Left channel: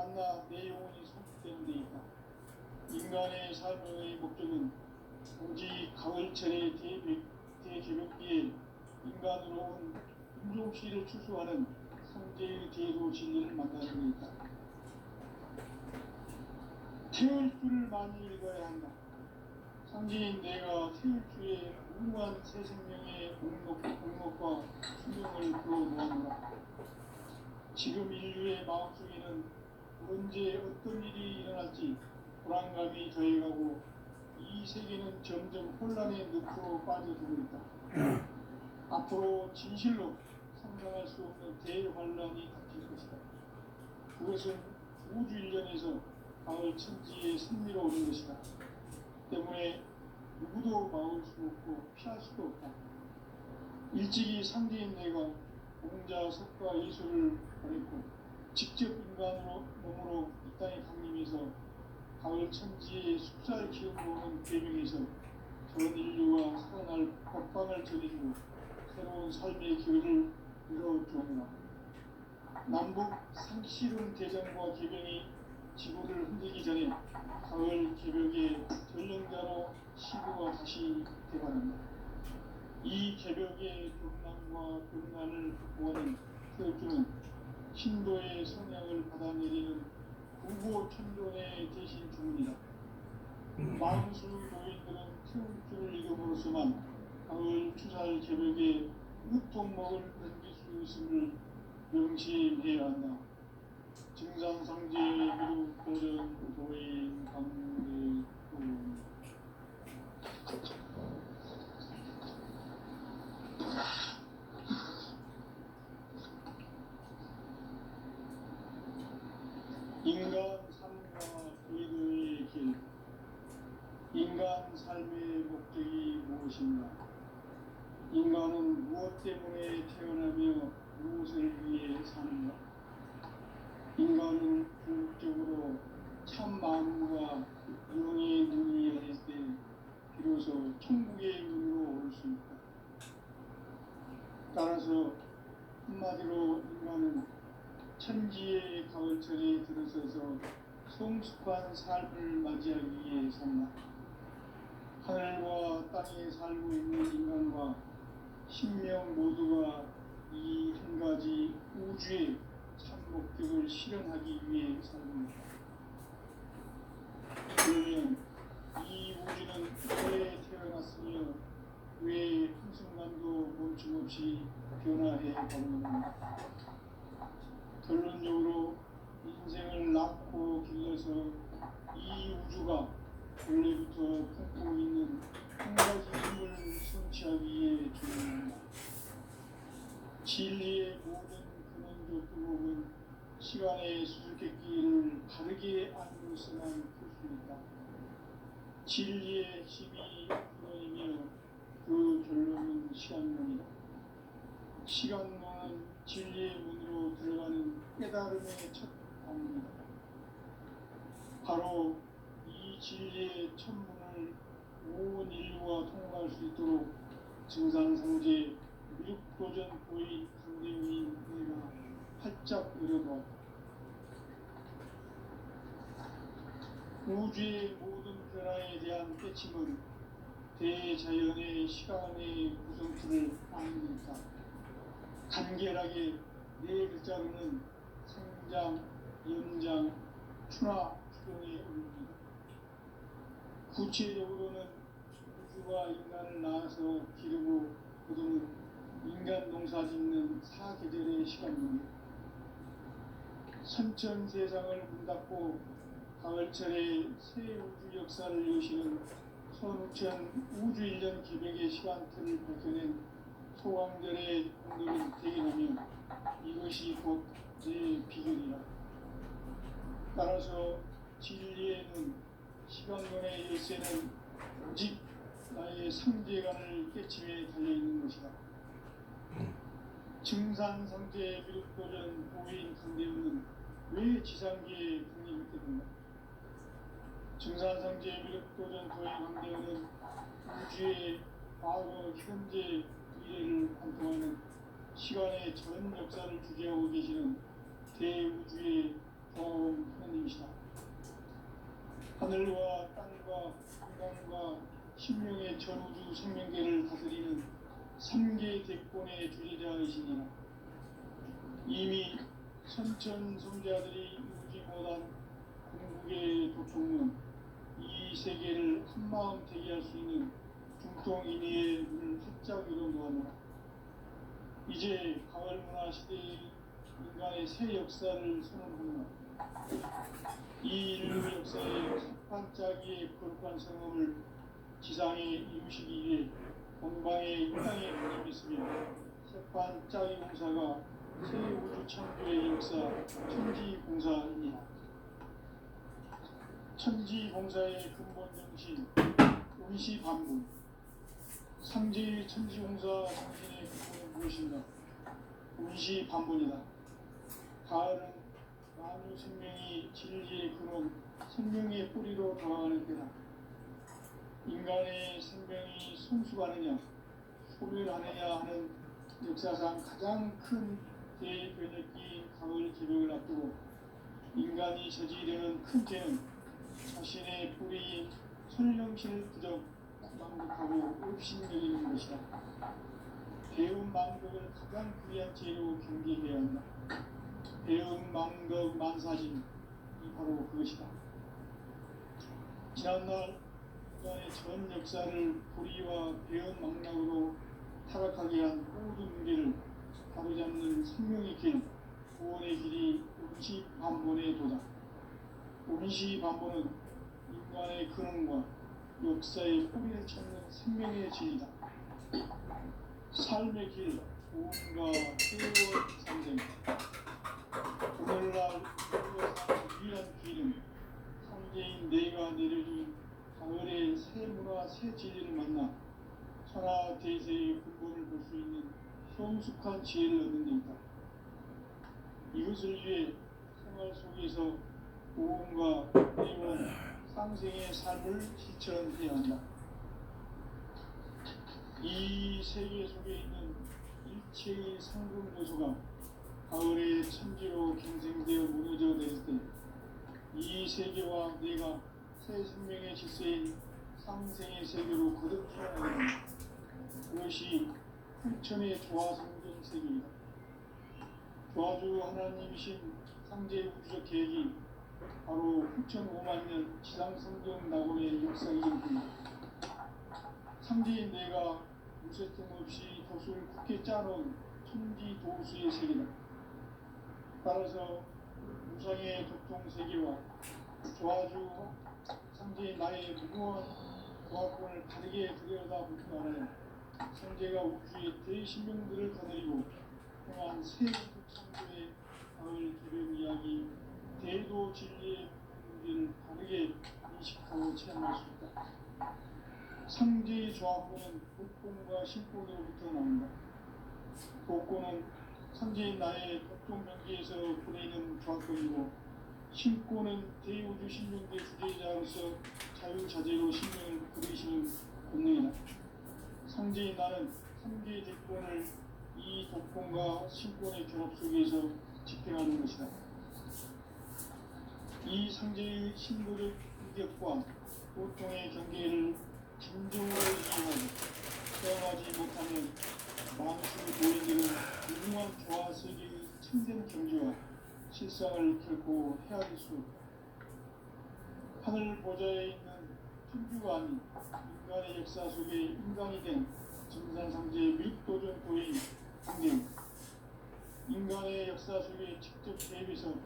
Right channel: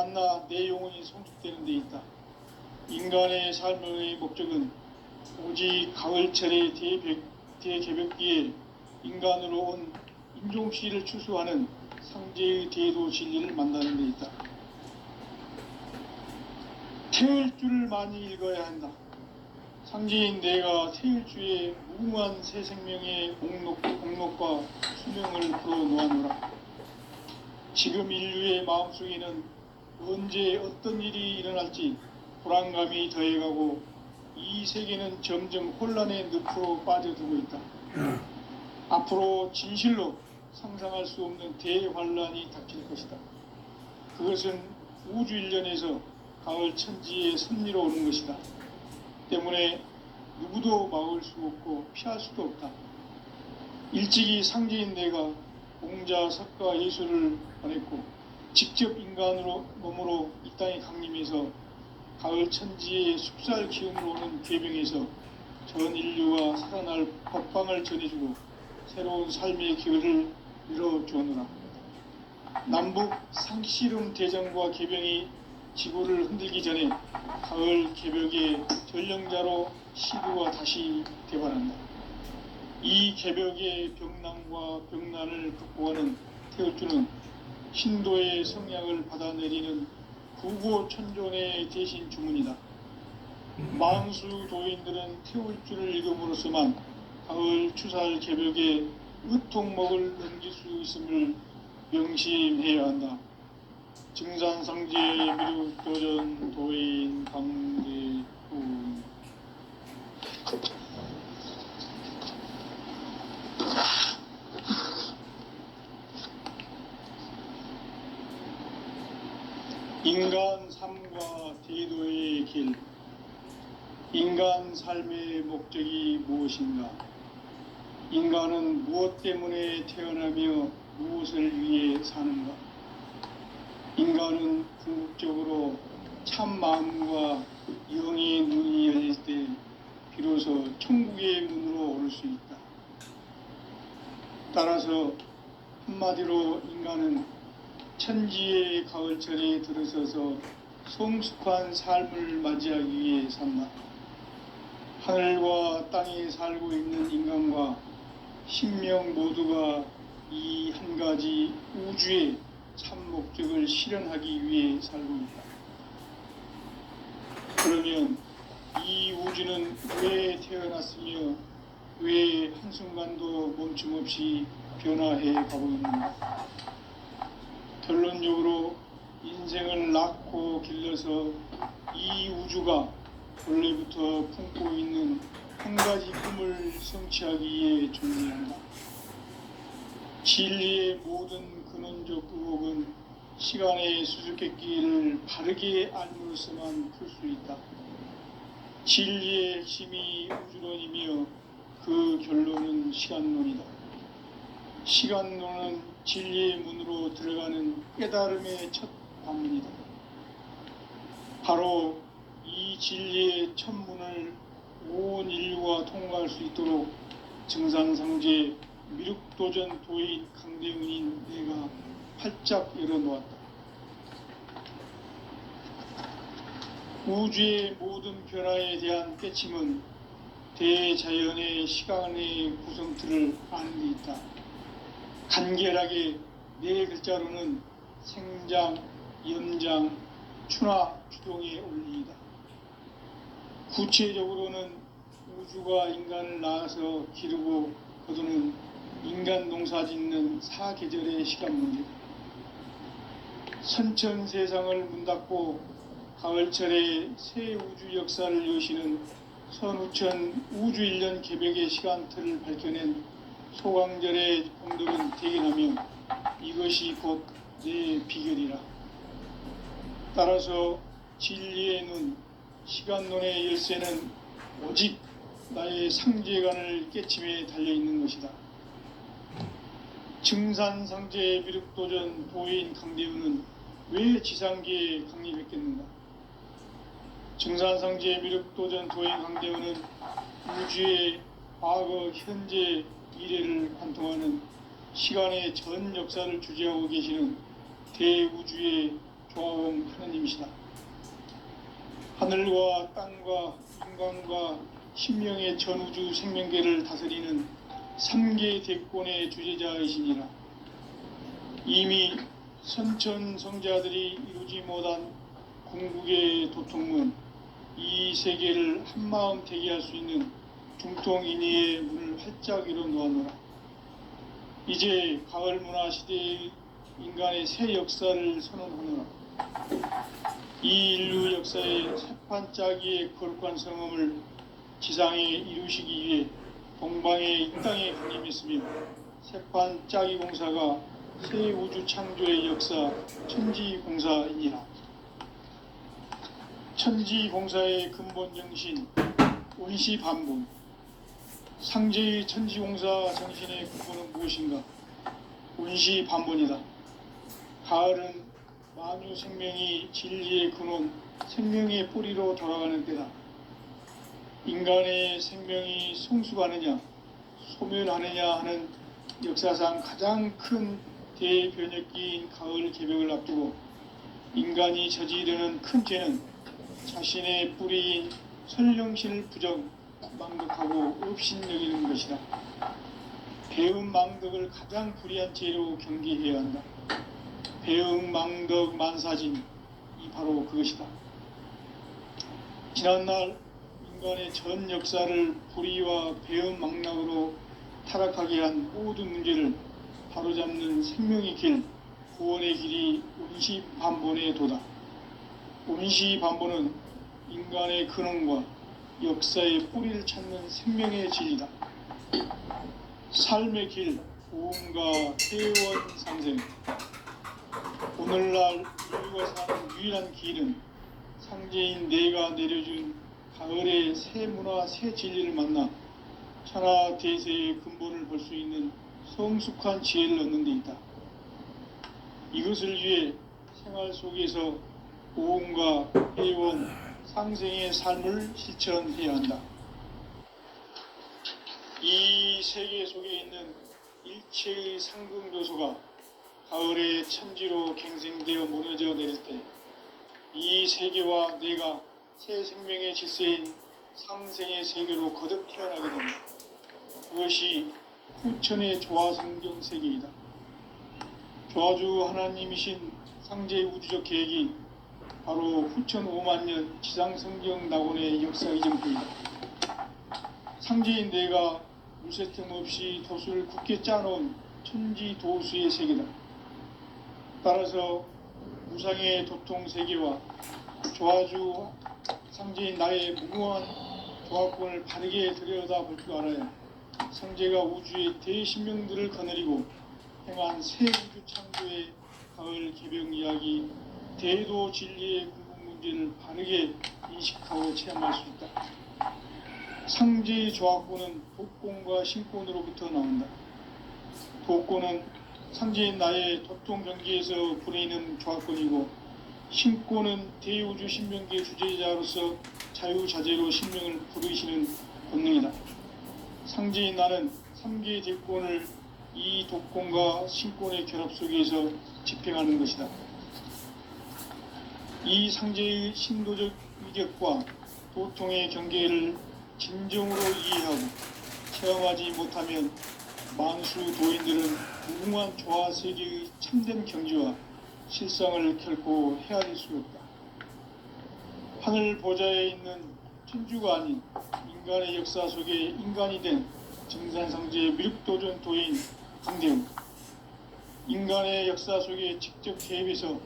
만나 내 영혼이 성숙되는 데 있다. 인간의 삶의 목적은 오직 가을철의 대개벽기에 인간으로 온 인종시를 추수하는 상제의 대도 진리를 만나는 데 있다. 태을 줄을 많이 읽어야 한다. 상제인 내가 태을 주에 무궁한 새 생명의 목록과 수명을 풀어놓아노라. 지금 인류의 마음속에는 언제 어떤 일이 일어날지 불안감이 더해가고 이 세계는 점점 혼란의 늪으로 빠져들고 있다. 앞으로 진실로 상상할 수 없는 대환란이 닥칠 것이다. 그것은 우주 일련에서 가을 천지의 섭리로 오는 것이다. 때문에 누구도 막을 수 없고 피할 수도 없다. 일찍이 상제인 내가 공자, 석가, 예수를 보냈고 직접 인간으로 몸으로 이 땅에 강림해서 가을 천지의 숲살 기운으로 오는 괴병에서 전 인류가 살아날 법방을 전해주고 새로운 삶의 기회를 열어주었노라. 남북 상씨름 대전과 개병이 지구를 흔들기 전에 가을 개벽의 전령자로 시구가 다시 대발한다. 이 개벽의 병난과 병난을 극복하는 태울주는 신도의 성향을 받아내리는 구고천존의 대신 주문이다. 망수 도인들은 태울주를 읽음으로써만 가을 추살 개벽에 으통목을 넘길 수 있음을 명심해야 한다. 증산상제 미륵도전 도인 강대우. 인간 삶과 대도의 길. 인간 삶의 목적이 무엇인가? 인간은 무엇 때문에 태어나며 무엇을 위해 사는가? 인간은 궁극적으로 참 마음과 영의 눈이 열릴 때 비로소 천국의 문으로 오를 수 있다. 따라서 한마디로 인간은 천지의 가을철에 들어서서 성숙한 삶을 맞이하기 위해 산다. 하늘과 땅에 살고 있는 인간과 신명 모두가 이 한 가지 우주의 참 목적을 실현하기 위해 살고 있다. 그러면 이 우주는 왜 태어났으며 왜 한순간도 멈춤없이 변화해 가고 있는가? 결론적으로 인생을 낳고 길러서 이 우주가 원래부터 품고 있는 한 가지 꿈을 성취하기 위해 존재한다. 진리의 모든 근원적 의혹은 시간의 수수께끼를 바르게 알므로서만 풀 수 있다. 진리의 핵심이 우주론이며 그 결론은 시간론이다. 시간론은 진리의 문으로 들어가는 깨달음의 첫 방문이다. 바로 이 진리의 첫 문을 온 인류가 통과할 수 있도록 증산상제 미륵도전 도인 강대훈인 내가 활짝 열어놓았다. 우주의 모든 변화에 대한 깨침은 대자연의 시간의 구성틀을 아는 데 있다. 간결하게 네 글자로는 생장, 연장, 추나 추동의 원리이다. 구체적으로는 우주가 인간을 낳아서 기르고 거두는 인간 농사 짓는 사계절의 시간 문제다. 선천 세상을 문닫고 가을철에 새 우주 역사를 여시는 선우천 우주일년 개벽의 시간틀을 밝혀낸 소강절의 공덕은 대견하며 이것이 곧 내 비결이라. 따라서 진리의 눈, 시간론의 열쇠는 오직 나의 상제관을 깨침에 달려있는 것이다. 증산상제 미륵도전 도인 강대우는 왜 지상계에 강림했겠는가? 증산상제 미륵도전 도인 강대우는 우주의 과거, 현재, 미래를 관통하는 시간의 전 역사를 주재하고 계시는 대우주의 조화원 하늘과 땅과 인간과 신명의 전우주 생명계를 다스리는 3계 대권의 주제자이시니라. 이미 선천성자들이 이루지 못한 궁극의 도통은 이 세계를 한마음 되게 할 수 있는 중통인의의 문을 활짝 열어 놓았노라. 이제 가을 문화 시대의 인간의 새 역사를 선언하노라. 이 인류 역사의 새판짜기의 거룩한 성험을 지상에 이루시기 위해 동방의 이 땅에 강림했으며 새판짜기 공사가 새 우주 창조의 역사 천지공사이니라. 천지공사의 근본 정신 원시반분. 상제의 천지공사 정신의 근본은 무엇인가? 원시반분이다. 가을은 만유 생명이 진리의 근원, 생명의 뿌리로 돌아가는 때다. 인간의 생명이 성숙하느냐, 소멸하느냐 하는 역사상 가장 큰 대변혁기인 가을 개벽을 앞두고 인간이 저지르는 큰 죄는 자신의 뿌리인 선령실 부정, 망덕하고 업신 여기는 것이다. 배음 망덕을 가장 불의한 죄로 경계해야 한다. 배음 망덕 만사진이 바로 그것이다. 지난날 인간의 전 역사를 불의와 배음 망락으로 타락하게 한 모든 문제를 바로잡는 생명의 길, 구원의 길이 원시반본의 도다. 원시반본은 인간의 근원과 역사의 뿌리를 찾는 생명의 진리다. 삶의 길, 오음과 회원 상생. 오늘날 인류가 사는 유일한 길은 상제인 내가 내려준 가을의 새 문화, 새 진리를 만나 천하 대세의 근본을 볼 수 있는 성숙한 지혜를 얻는 데 있다. 이것을 위해 생활 속에서 오음과 회원, 상생의 삶을 실천해야 한다. 이 세계 속에 있는 일체의 상승조소가 가을의 천지로 갱생되어 무너져 내릴 때 이 세계와 내가 새 생명의 질서인 상생의 세계로 거듭 태어나게 된다. 그것이 후천의 조화성경 세계이다. 조화주 하나님이신 상제의 우주적 계획이 바로 후천 5만 년 지상성경 낙원의 역사 이전부이다. 상제인 내가 물새 틈 없이 도수를 굳게 짜놓은 천지 도수의 세계다. 따라서 무상의 도통 세계와 조화주 상제인 나의 무궁한 조화권을 바르게 들여다볼 줄 알아야 상제가 우주의 대신명들을 거느리고 행한 새 우주 창조의 가을 개벽 이야기, 대도 진리의 궁극 문제를 바르게 인식하고 체험할 수 있다. 상제의 조화권은 도권과 신권으로부터 나온다. 도권은 상제인 나의 도통 경계에서 부리는 조화권이고, 신권은 대우주 신명계 주제자로서 자유자재로 신명을 부르시는 본능이다. 상제인 나는 3계 대권을 이 도권과 신권의 결합 속에서 집행하는 것이다. 이 상제의 신도적 위격과 도통의 경계를 진정으로 이해하고 체험하지 못하면 만수 도인들은 무궁한 조화 세계의 참된 경지와 실상을 결코 헤아릴 수 없다. 하늘 보좌에 있는 천주가 아닌 인간의 역사 속에 인간이 된 증산상제의 미륵도전 도인 강대웅, 인간의 역사 속에 직접 개입해서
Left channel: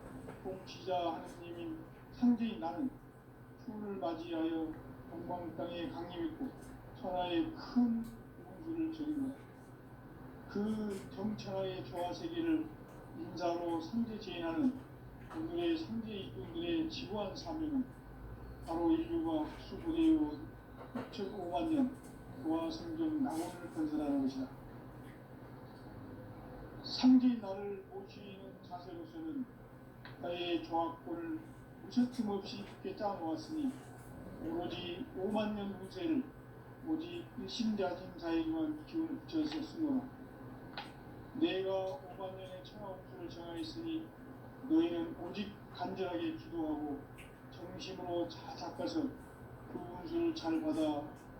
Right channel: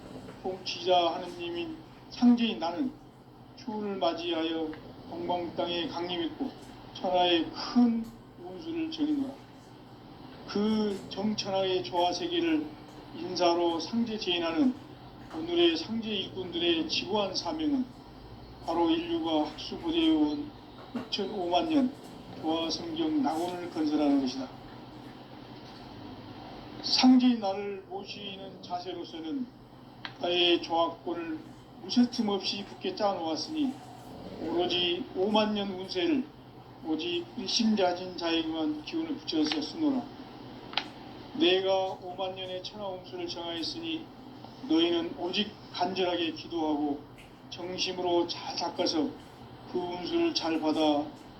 통치자 하느님인 상제인 나는 추운을 맞이하여 동방 땅에 강림했고 천하의 큰 운수를 정의노라. 그 정천하의 조화 세계를 인사로 상제 제인하는 오늘의 상제 일꾼들의 지구한 사명은 바로 인류가 학수부대해온 6,5만 년 조화 성경 낙원을 건설하는 것이다. 상제인 나를 모시는 자세로서는 나의 조화권을 무쇠틈 없이 굳게 짜놓았으니 오로지 5만 년 운세를 오직 일심자진 자에게만 기운을 붙여서 쓰노라. 내가 5만 년의 천하홍수를 정하였으니 너희는 오직 간절하게 기도하고 정심으로 잘 닦아서 그 운수를 잘 받아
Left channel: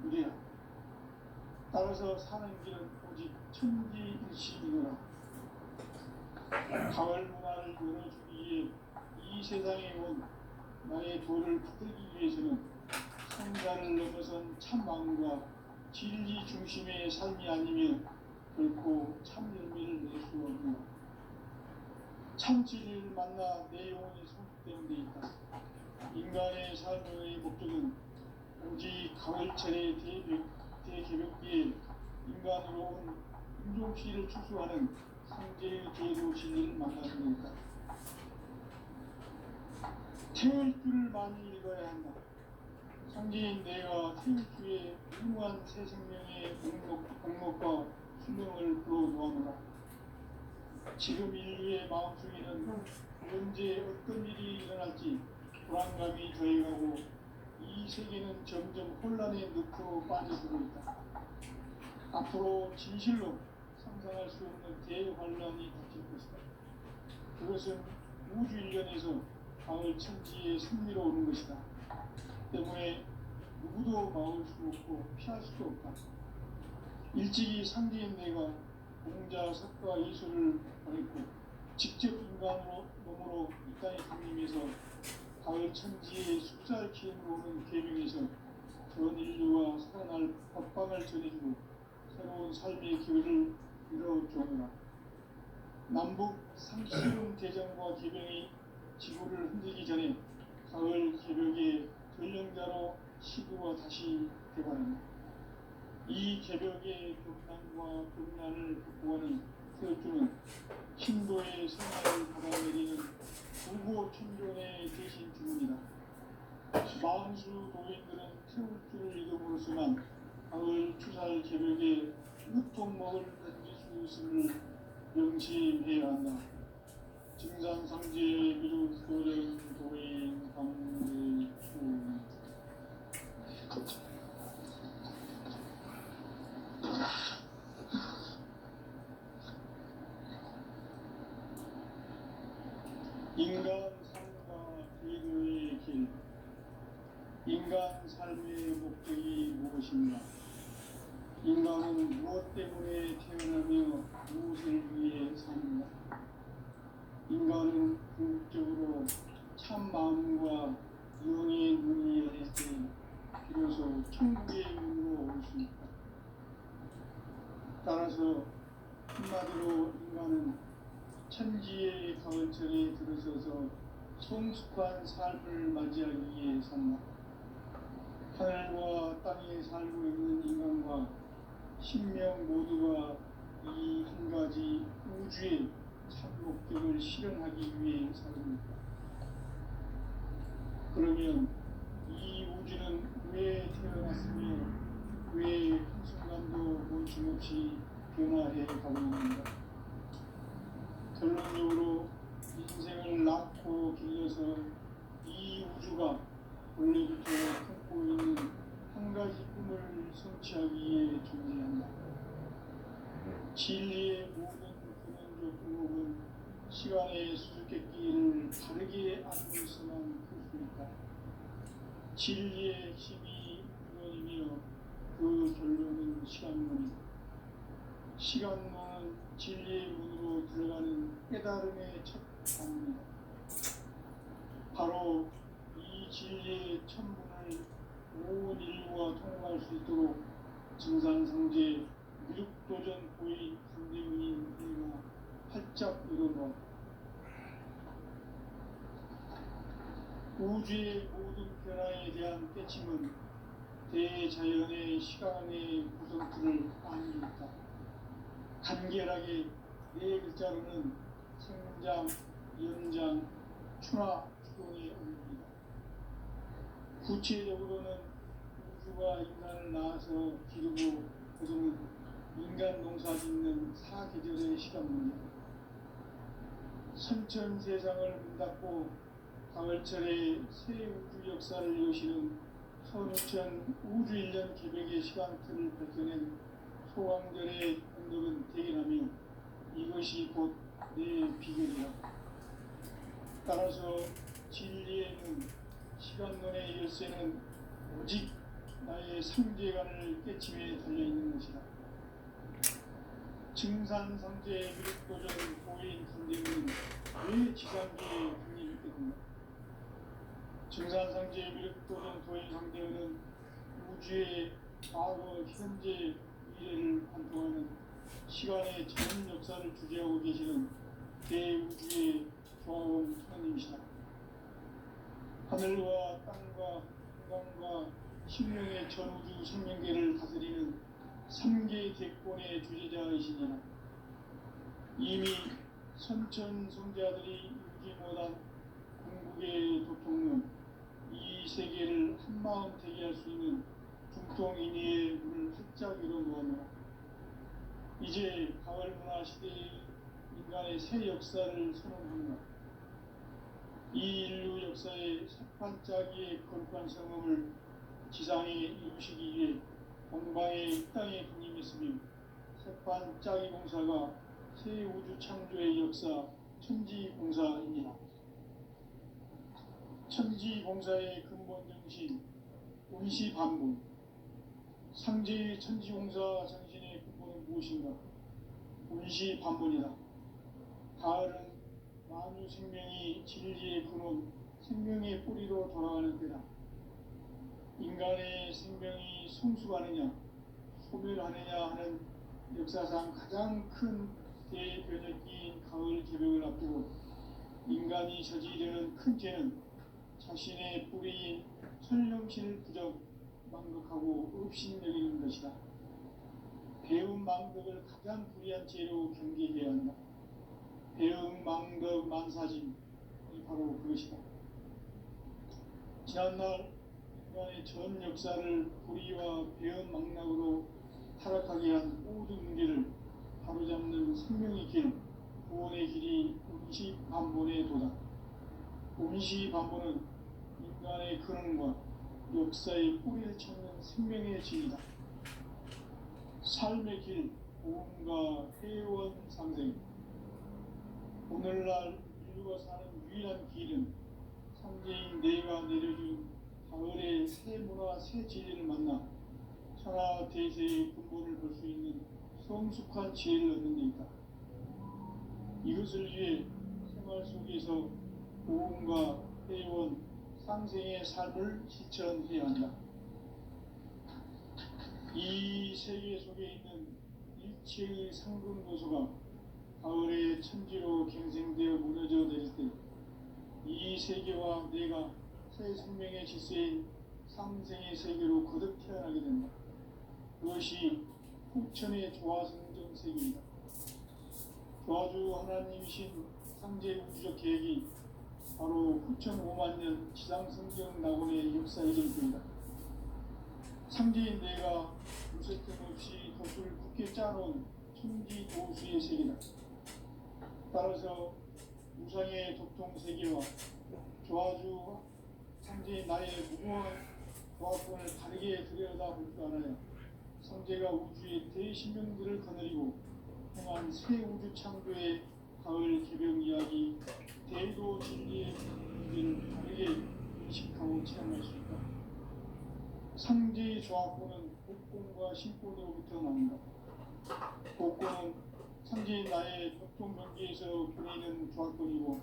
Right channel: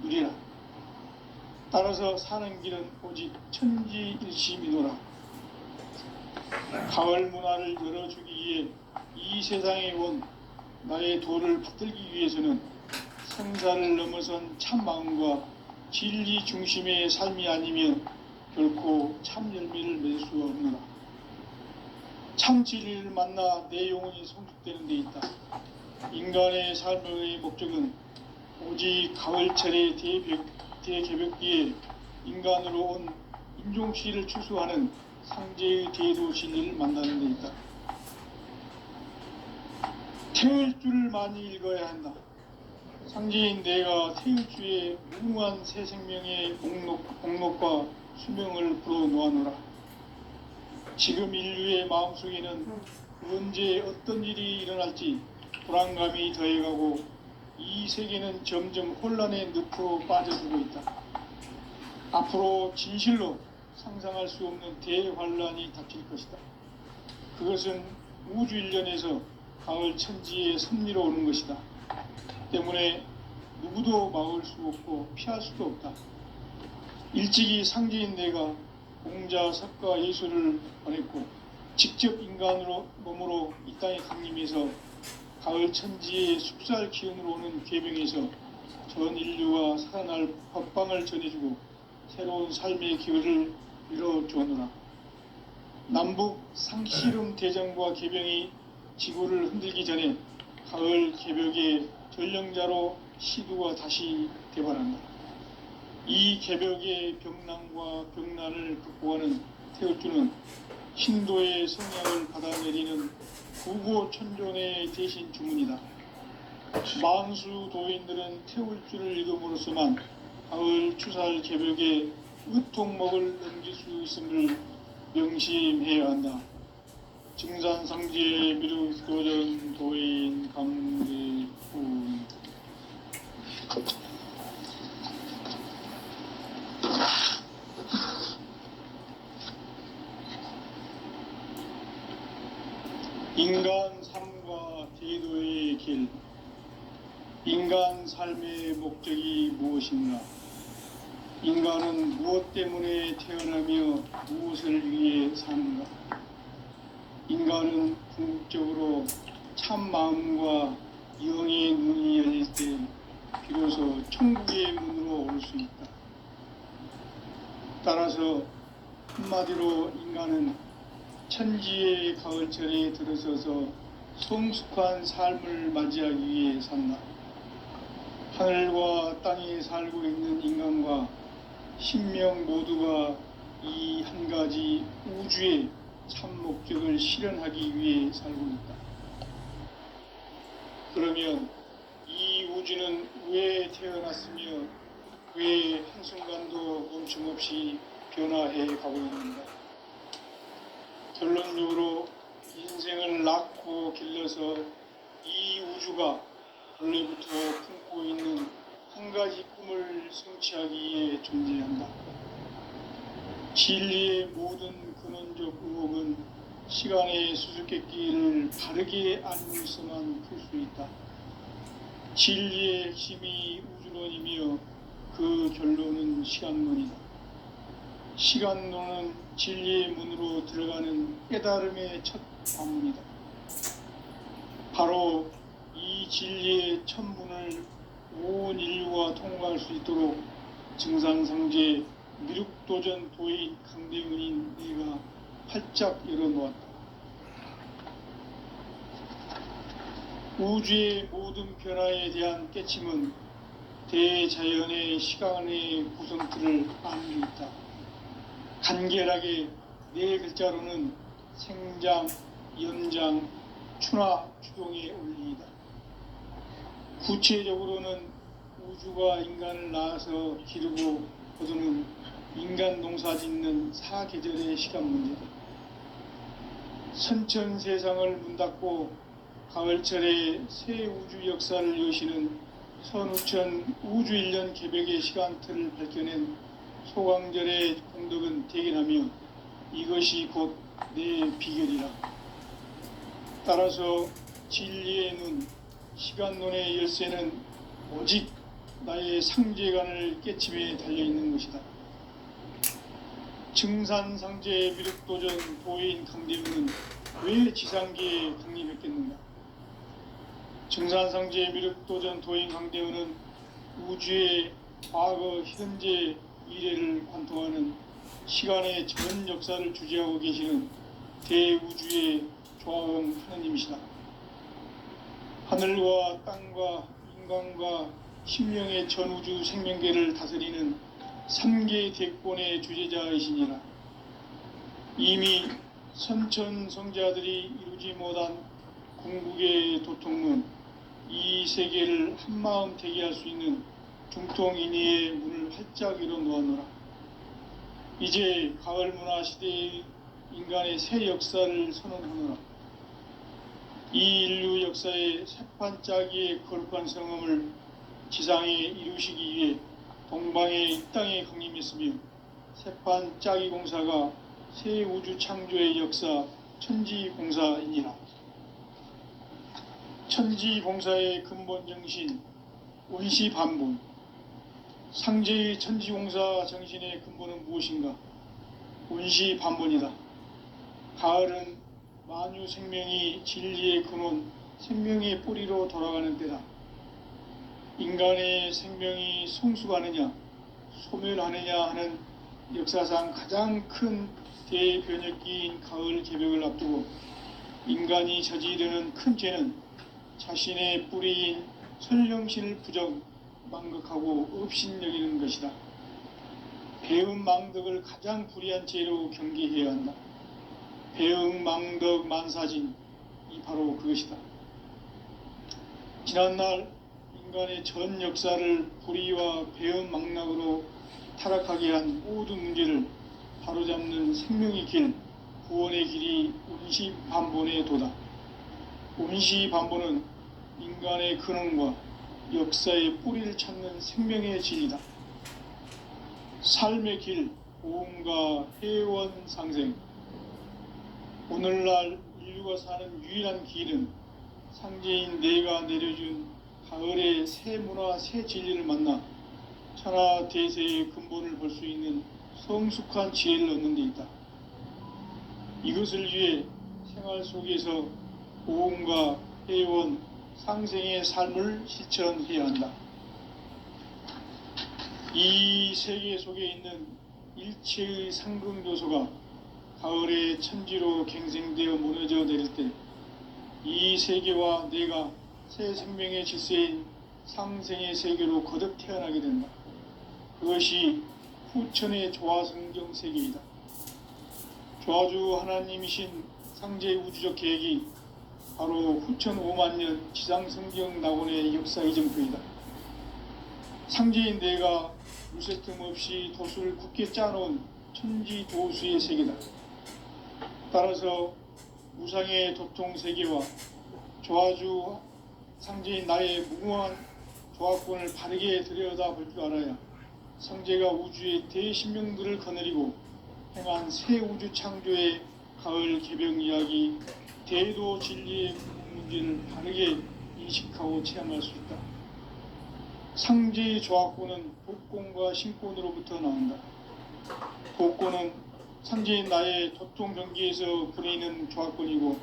누리라. 따라서 사는 길은 오직 천지일심이노라. 가을 문화를 열어주기 위해 이 세상에 온 나의 도를 붙들기 위해서는 생사를 넘어선 참 마음과 진리 중심의 삶이 아니면 결코 참 열매를 맺을 수 없노라. 참 진리를 만나 내 영혼이 성숙되는 데 있다. 인간의 삶의 목적은 오직 가을철의 대개벽기에 인간으로 온 인종시를 추수하는 상제의 대도 진리를 만나는 데 있다. 태을주를 많이 읽어야 한다. 상제인 내가 태을주의 무궁한 새 생명의 목록과 수명을 불어놓아노라. 지금 인류의 마음속에는 언제 어떤 일이 일어날지 불안감이 더해가고 이 세계는 점점 혼란의 늪으로 빠져들고 있다. 앞으로 진실로 상상할 수 없는 대환란이 닥칠 것이다. 그것은 우주 일련에서 가을 천지의 섭리로 오는 것이다. 때문에 누구도 막을 수 없고 피할 수도 없다. 일찍이 상제인 내가 공자, 석가, 예수를 보냈고 직접 인간으로 몸으로 이 땅에 강림해서 가을 천지의 숲살 기운으로 오는 계명에서 전 인류가 살아날 법방을 전해주고 새로운 삶의 기회를 이뤄주었노라. 남북 상씨름 대전과 계병이 지구를 흔들기 전에 가을 개벽의 전령자로 시두가 다시 대발한다. 이 개벽의 병난과 병난을 극복하는 태을주는 신도의 성향을 받아내리는 구고천존의 대신 주문이다. 만수 도인들은 태울주를 읽음으로써만 가을 추살 개벽의 으통목을 넘길 수 있음을 명심해야 한다. 증산상제 미륵도전 도인 강대훈. 인간 삶과 제도의 길. 인간 삶의 목적이 무엇인가? 인간은 무엇 때문에 태어나며 무엇을 위해 사는가? 인간은 궁극적으로 참 마음과 영의 눈이 열릴 때 비로소 천국의 문으로 올 수 있다. 따라서 한마디로 인간은 천지의 가을철에 들어서서 성숙한 삶을 맞이하기 위해 산다. 하늘과 땅에 살고 있는 인간과 신명 모두가 이 한 가지 우주의 참 목적을 실현하기 위해 살고 있다. 그러면 이 우주는 왜 태어났으며 왜 한순간도 멈춤없이 변화해 가고 있는가? 결론적으로 인생을 낳고 길러서 이 우주가 원래부터 품고 있는 한 가지 꿈을 성취하기 위해 존재한다. 진리의 모든 근원적 의혹은 시간의 수수께끼를 바르게 알고서만 풀 수 있다. 진리의 핵심이 우주론이며 그 결론은 시간론이다. 시간론은 진리의 문으로 들어가는 깨달음의 첫 관문이다. 바로 이 진리의 첫 문을 온 인류가 통과할 수 있도록 증산상제 미륵도전 도인 강대훈인 내가 활짝 열어놓았다. 우주의 모든 변화에 대한 깨침은 대자연의 시간의 구성틀을 아는 데 있다. 간결하게 네 글자로는 생장, 연장, 추나, 추동의 원리이다. 구체적으로는 우주가 인간을 낳아서 기르고 거두는 인간 농사 짓는 사계절의 시간 문제다. 선천 세상을 문 닫고 가을철에 새 우주 역사를 여시는 선우천 우주일년 개벽의 시간틀을 밝혀낸 소강절의 공덕은 대견하며 이것이 곧 내 비결이라. 따라서 진리의 눈, 시간론의 열쇠는 오직 나의 상제관을 깨침에 달려있는 것이다. 증산상제 미륵도전 도인 강대우는 왜 지상계에 강림했겠는가? 증산상제 미륵도전 도인 강대우는 우주의 과거, 현재, 미래를 관통하는 시간의 전 역사를 주재하고 계시는 대우주의 조화원 하느님이시다. 하늘과 땅과 인간과 심령의 전우주 생명계를 다스리는 3개 대권의 주재자이시니라. 이미 선천성자들이 이루지 못한 궁극의 도통은 이 세계를 한마음 되게 할 수 있는 중통인의의 문을 활짝 열어 놓았노라. 이제 가을 문화 시대의 인간의 새 역사를 선언하노라. 이 인류 역사의 새판짜기의 거룩한 성음을 지상에 이루시기 위해 동방의 이 땅에 강림했으며 새판짜기 공사가 새 우주 창조의 역사 천지공사이니라. 천지공사의 근본 정신 원시반본. 상제의 천지공사 정신의 근본은 무엇인가? 원시반본이다. 가을은 만유 생명이 진리의 근원, 생명의 뿌리로 돌아가는 때다. 인간의 생명이 성숙하느냐, 소멸하느냐 하는 역사상 가장 큰 대변혁기인 가을 개벽을 앞두고 인간이 저지르는 큰 죄는 자신의 뿌리인 선령신을 부정, 망극하고 업신여기는 것이다. 배은망덕을 가장 불의한 죄로 경계해야 한다. 배은망덕 만사진이 바로 그것이다. 지난날 인간의 전 역사를 불의와 배은망락으로 타락하게 한 모든 문제를 바로잡는 생명의 길, 구원의 길이 원시반본의 도다. 원시반본은 인간의 근원과 역사의 뿌리를 찾는 생명의 진리다. 삶의 길, 고음과 회원 상생. 오늘날 인류가 사는 유일한 길은 상제인 내가 내려준 가을의 새 문화, 새 진리를 만나 천하 대세의 근본을 볼 수 있는 성숙한 지혜를 얻는 데 있다. 이것을 위해 생활 속에서 고음과 회원, 상생의 삶을 실천해야 한다. 이 세계 속에 있는 일체의 상승교소가 가을의 천지로 갱생되어 무너져 내릴 때 이 세계와 내가 새 생명의 질서인 상생의 세계로 거듭 태어나게 된다. 그것이 후천의 조화성경 세계이다. 조화주 하나님이신 상제 우주적 계획이 바로 후천 5만년 지상성경 낙원의 역사 이정표이다. 상제인 내가 무쇠 틈 없이 도수를 굳게 짜놓은 천지 도수의 세계다. 따라서 우상의 도통 세계와 조화주 상제인 나의 무궁한 조화권을 바르게 들여다볼 줄 알아야 상제가 우주의 대신명들을 거느리고 행한 새 우주 창조의 가을 개벽 이야기, 대도 진리의 문제를 바르게 인식하고 체험할 수 있다. 상제의 조화권은 복권과 신권으로부터 나온다. 복권은 상제인 나의 도통 경계에서 부리는 조화권이고,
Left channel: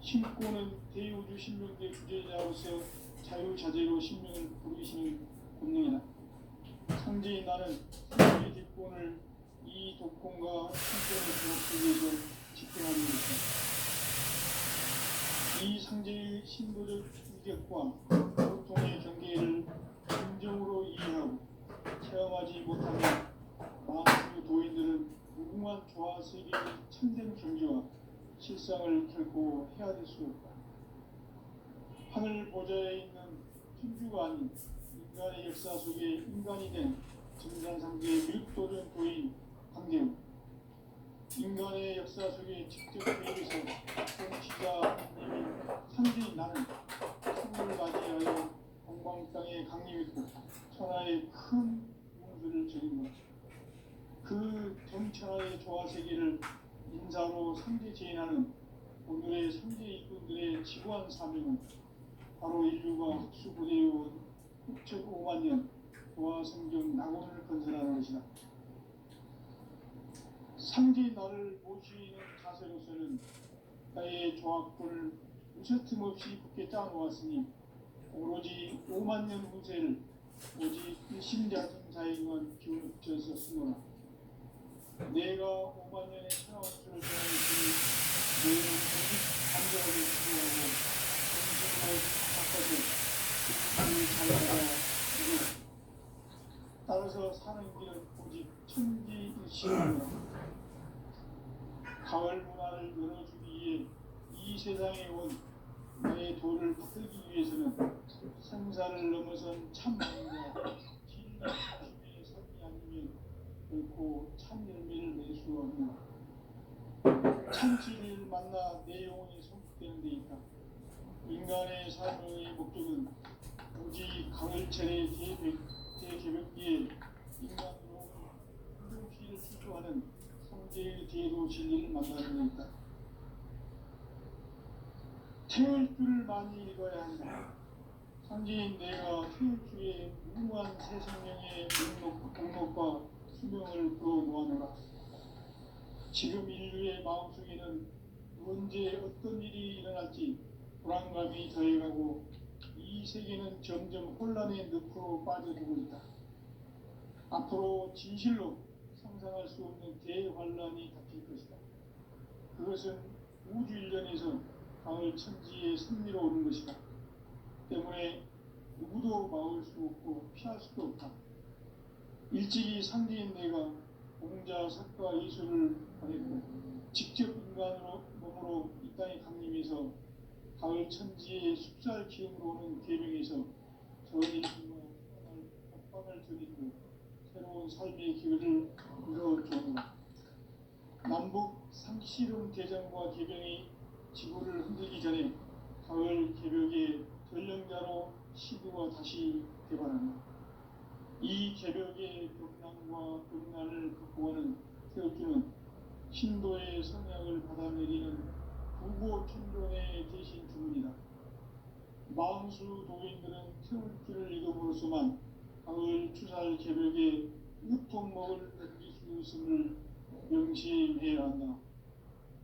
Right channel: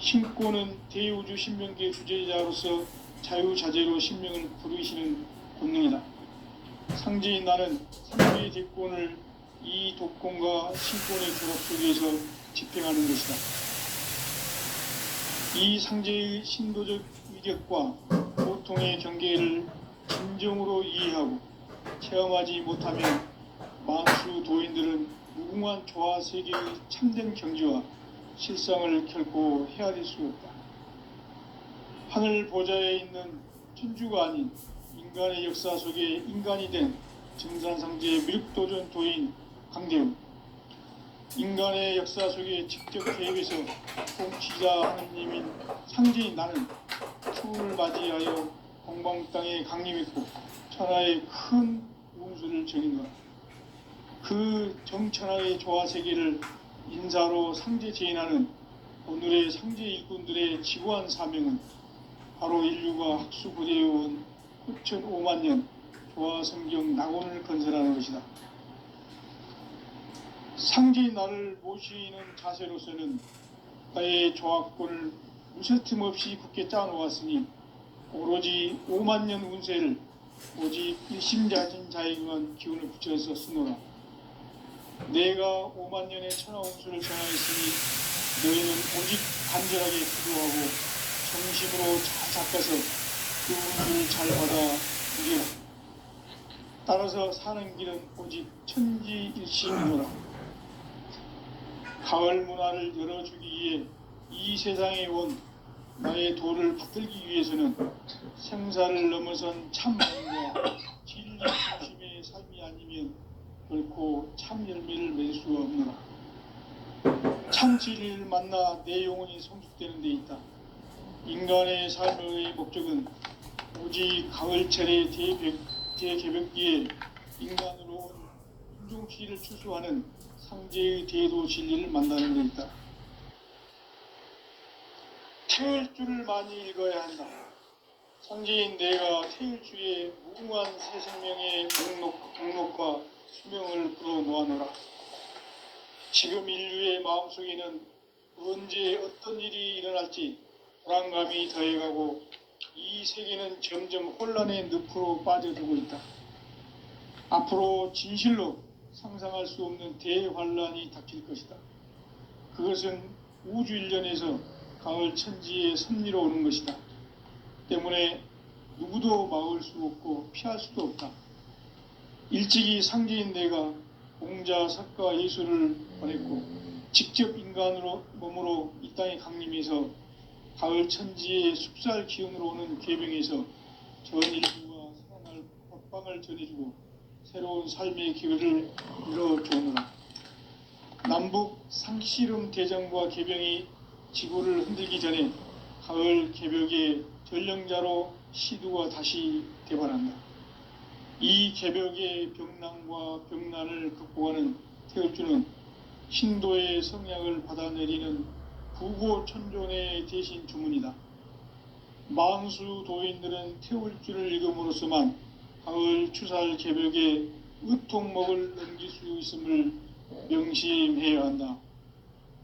신권은 대우주 신명계 주제자로서 자유자재로 신명을 부르시는 본능이다. 상제인 나는 상제의 대권을 이 독권과 신권의 조합 속에서 집행하는 것이다. 이 상제의 신도적 위력과 보통의 경계를 진정으로 이해하고 체험하지 못하면 만수 도인들은 무궁한 조화 세계의 참된 경지와 실상을 결코 헤아릴 수 없다. 하늘 보좌에 있는 천주가 아닌 인간의 역사 속에 인간이 된 증산상제의 미륵도전 도인 강대우. 인간의 역사 속에 직접 개입해서 통치자 하느님인 상제인 나는 추을 맞이하여 공방 땅에 강림했고 천하의 큰 운수를 정인노라. 그 정천하의 조화 세계를 인사로 상제 제인하는 오늘의 상제 일꾼들의 지구한 사명은 바로 인류가 학수고대해온 9,5만 년 조화성경 낙원을 건설하는 것이다. 상제인 나를 모시는 자세로서는 나의 조합권을 무쇠틈 없이 굳게 짜놓았으니 오로지 5만 년 운세를 오직 일심자진 자에게만 기운을 붙여서 쓰노라. 내가 5만 년의 천하 운수를 정하였으니 너희는 오직 간절하게 기도하고 정심으로 잘 닦아서 그 운수를 잘 받아 누려라. 따라서 사는 길은 오직 천지일심이로라. 가을 문화를 열어주기 위해 이 세상에 온 나의 도를 받들기 위해서는 생사를 넘어선 참마음과 진리 중심의 삶이 아니면 결코 참 열매를 맺을 수가 없노라. 참 진리를 만나 내 영혼이 성숙되는 데 있다. 인간의 삶의 목적은 오직 가을철의 대개벽기에 인간으로 온 인종시를 추수하는 상제의 대도 진리를 만나는 데 있다. 태일주를 많이 읽어야 한다. 상제인 내가 태일주의 무궁한 새 생명의 목록과 수명을 불어놓아노라. 지금 인류의 마음속에는 언제 어떤 일이 일어날지 불안감이 더해가고 이 세계는 점점 혼란의 늪으로 빠져들고 있다. 앞으로 진실로 상상할 수 없는 대환란이 닥칠 것이다. 그것은 우주 일련에서 가을 천지의 섭리로 오는 것이다. 때문에 누구도 막을 수 없고 피할 수도 없다. 일찍이 상제인 내가 공자, 석가, 예수를 보냈고 직접 인간으로 몸으로 이 땅에 강림해서 가을 천지의 숲살 기운으로 오는 계병에서 전 인류가 살아날 법방을 전해주고 새로운 삶의 기회를 열어주노라. 남북 상씨름 대전과 계병이 지구를 흔들기 전에 가을 개벽의 전령자로 시두가 다시 대발한다. 이 개벽의 병난과 병난을 극복하는 태울주는 신도의 성약을 받아내리는 부고천존의 대신 주문이다. 만수 도인들은 태울주를 읽음으로써만 가을 추살 개벽의 의통목을 넘길 수 있음을 명심해야 한다.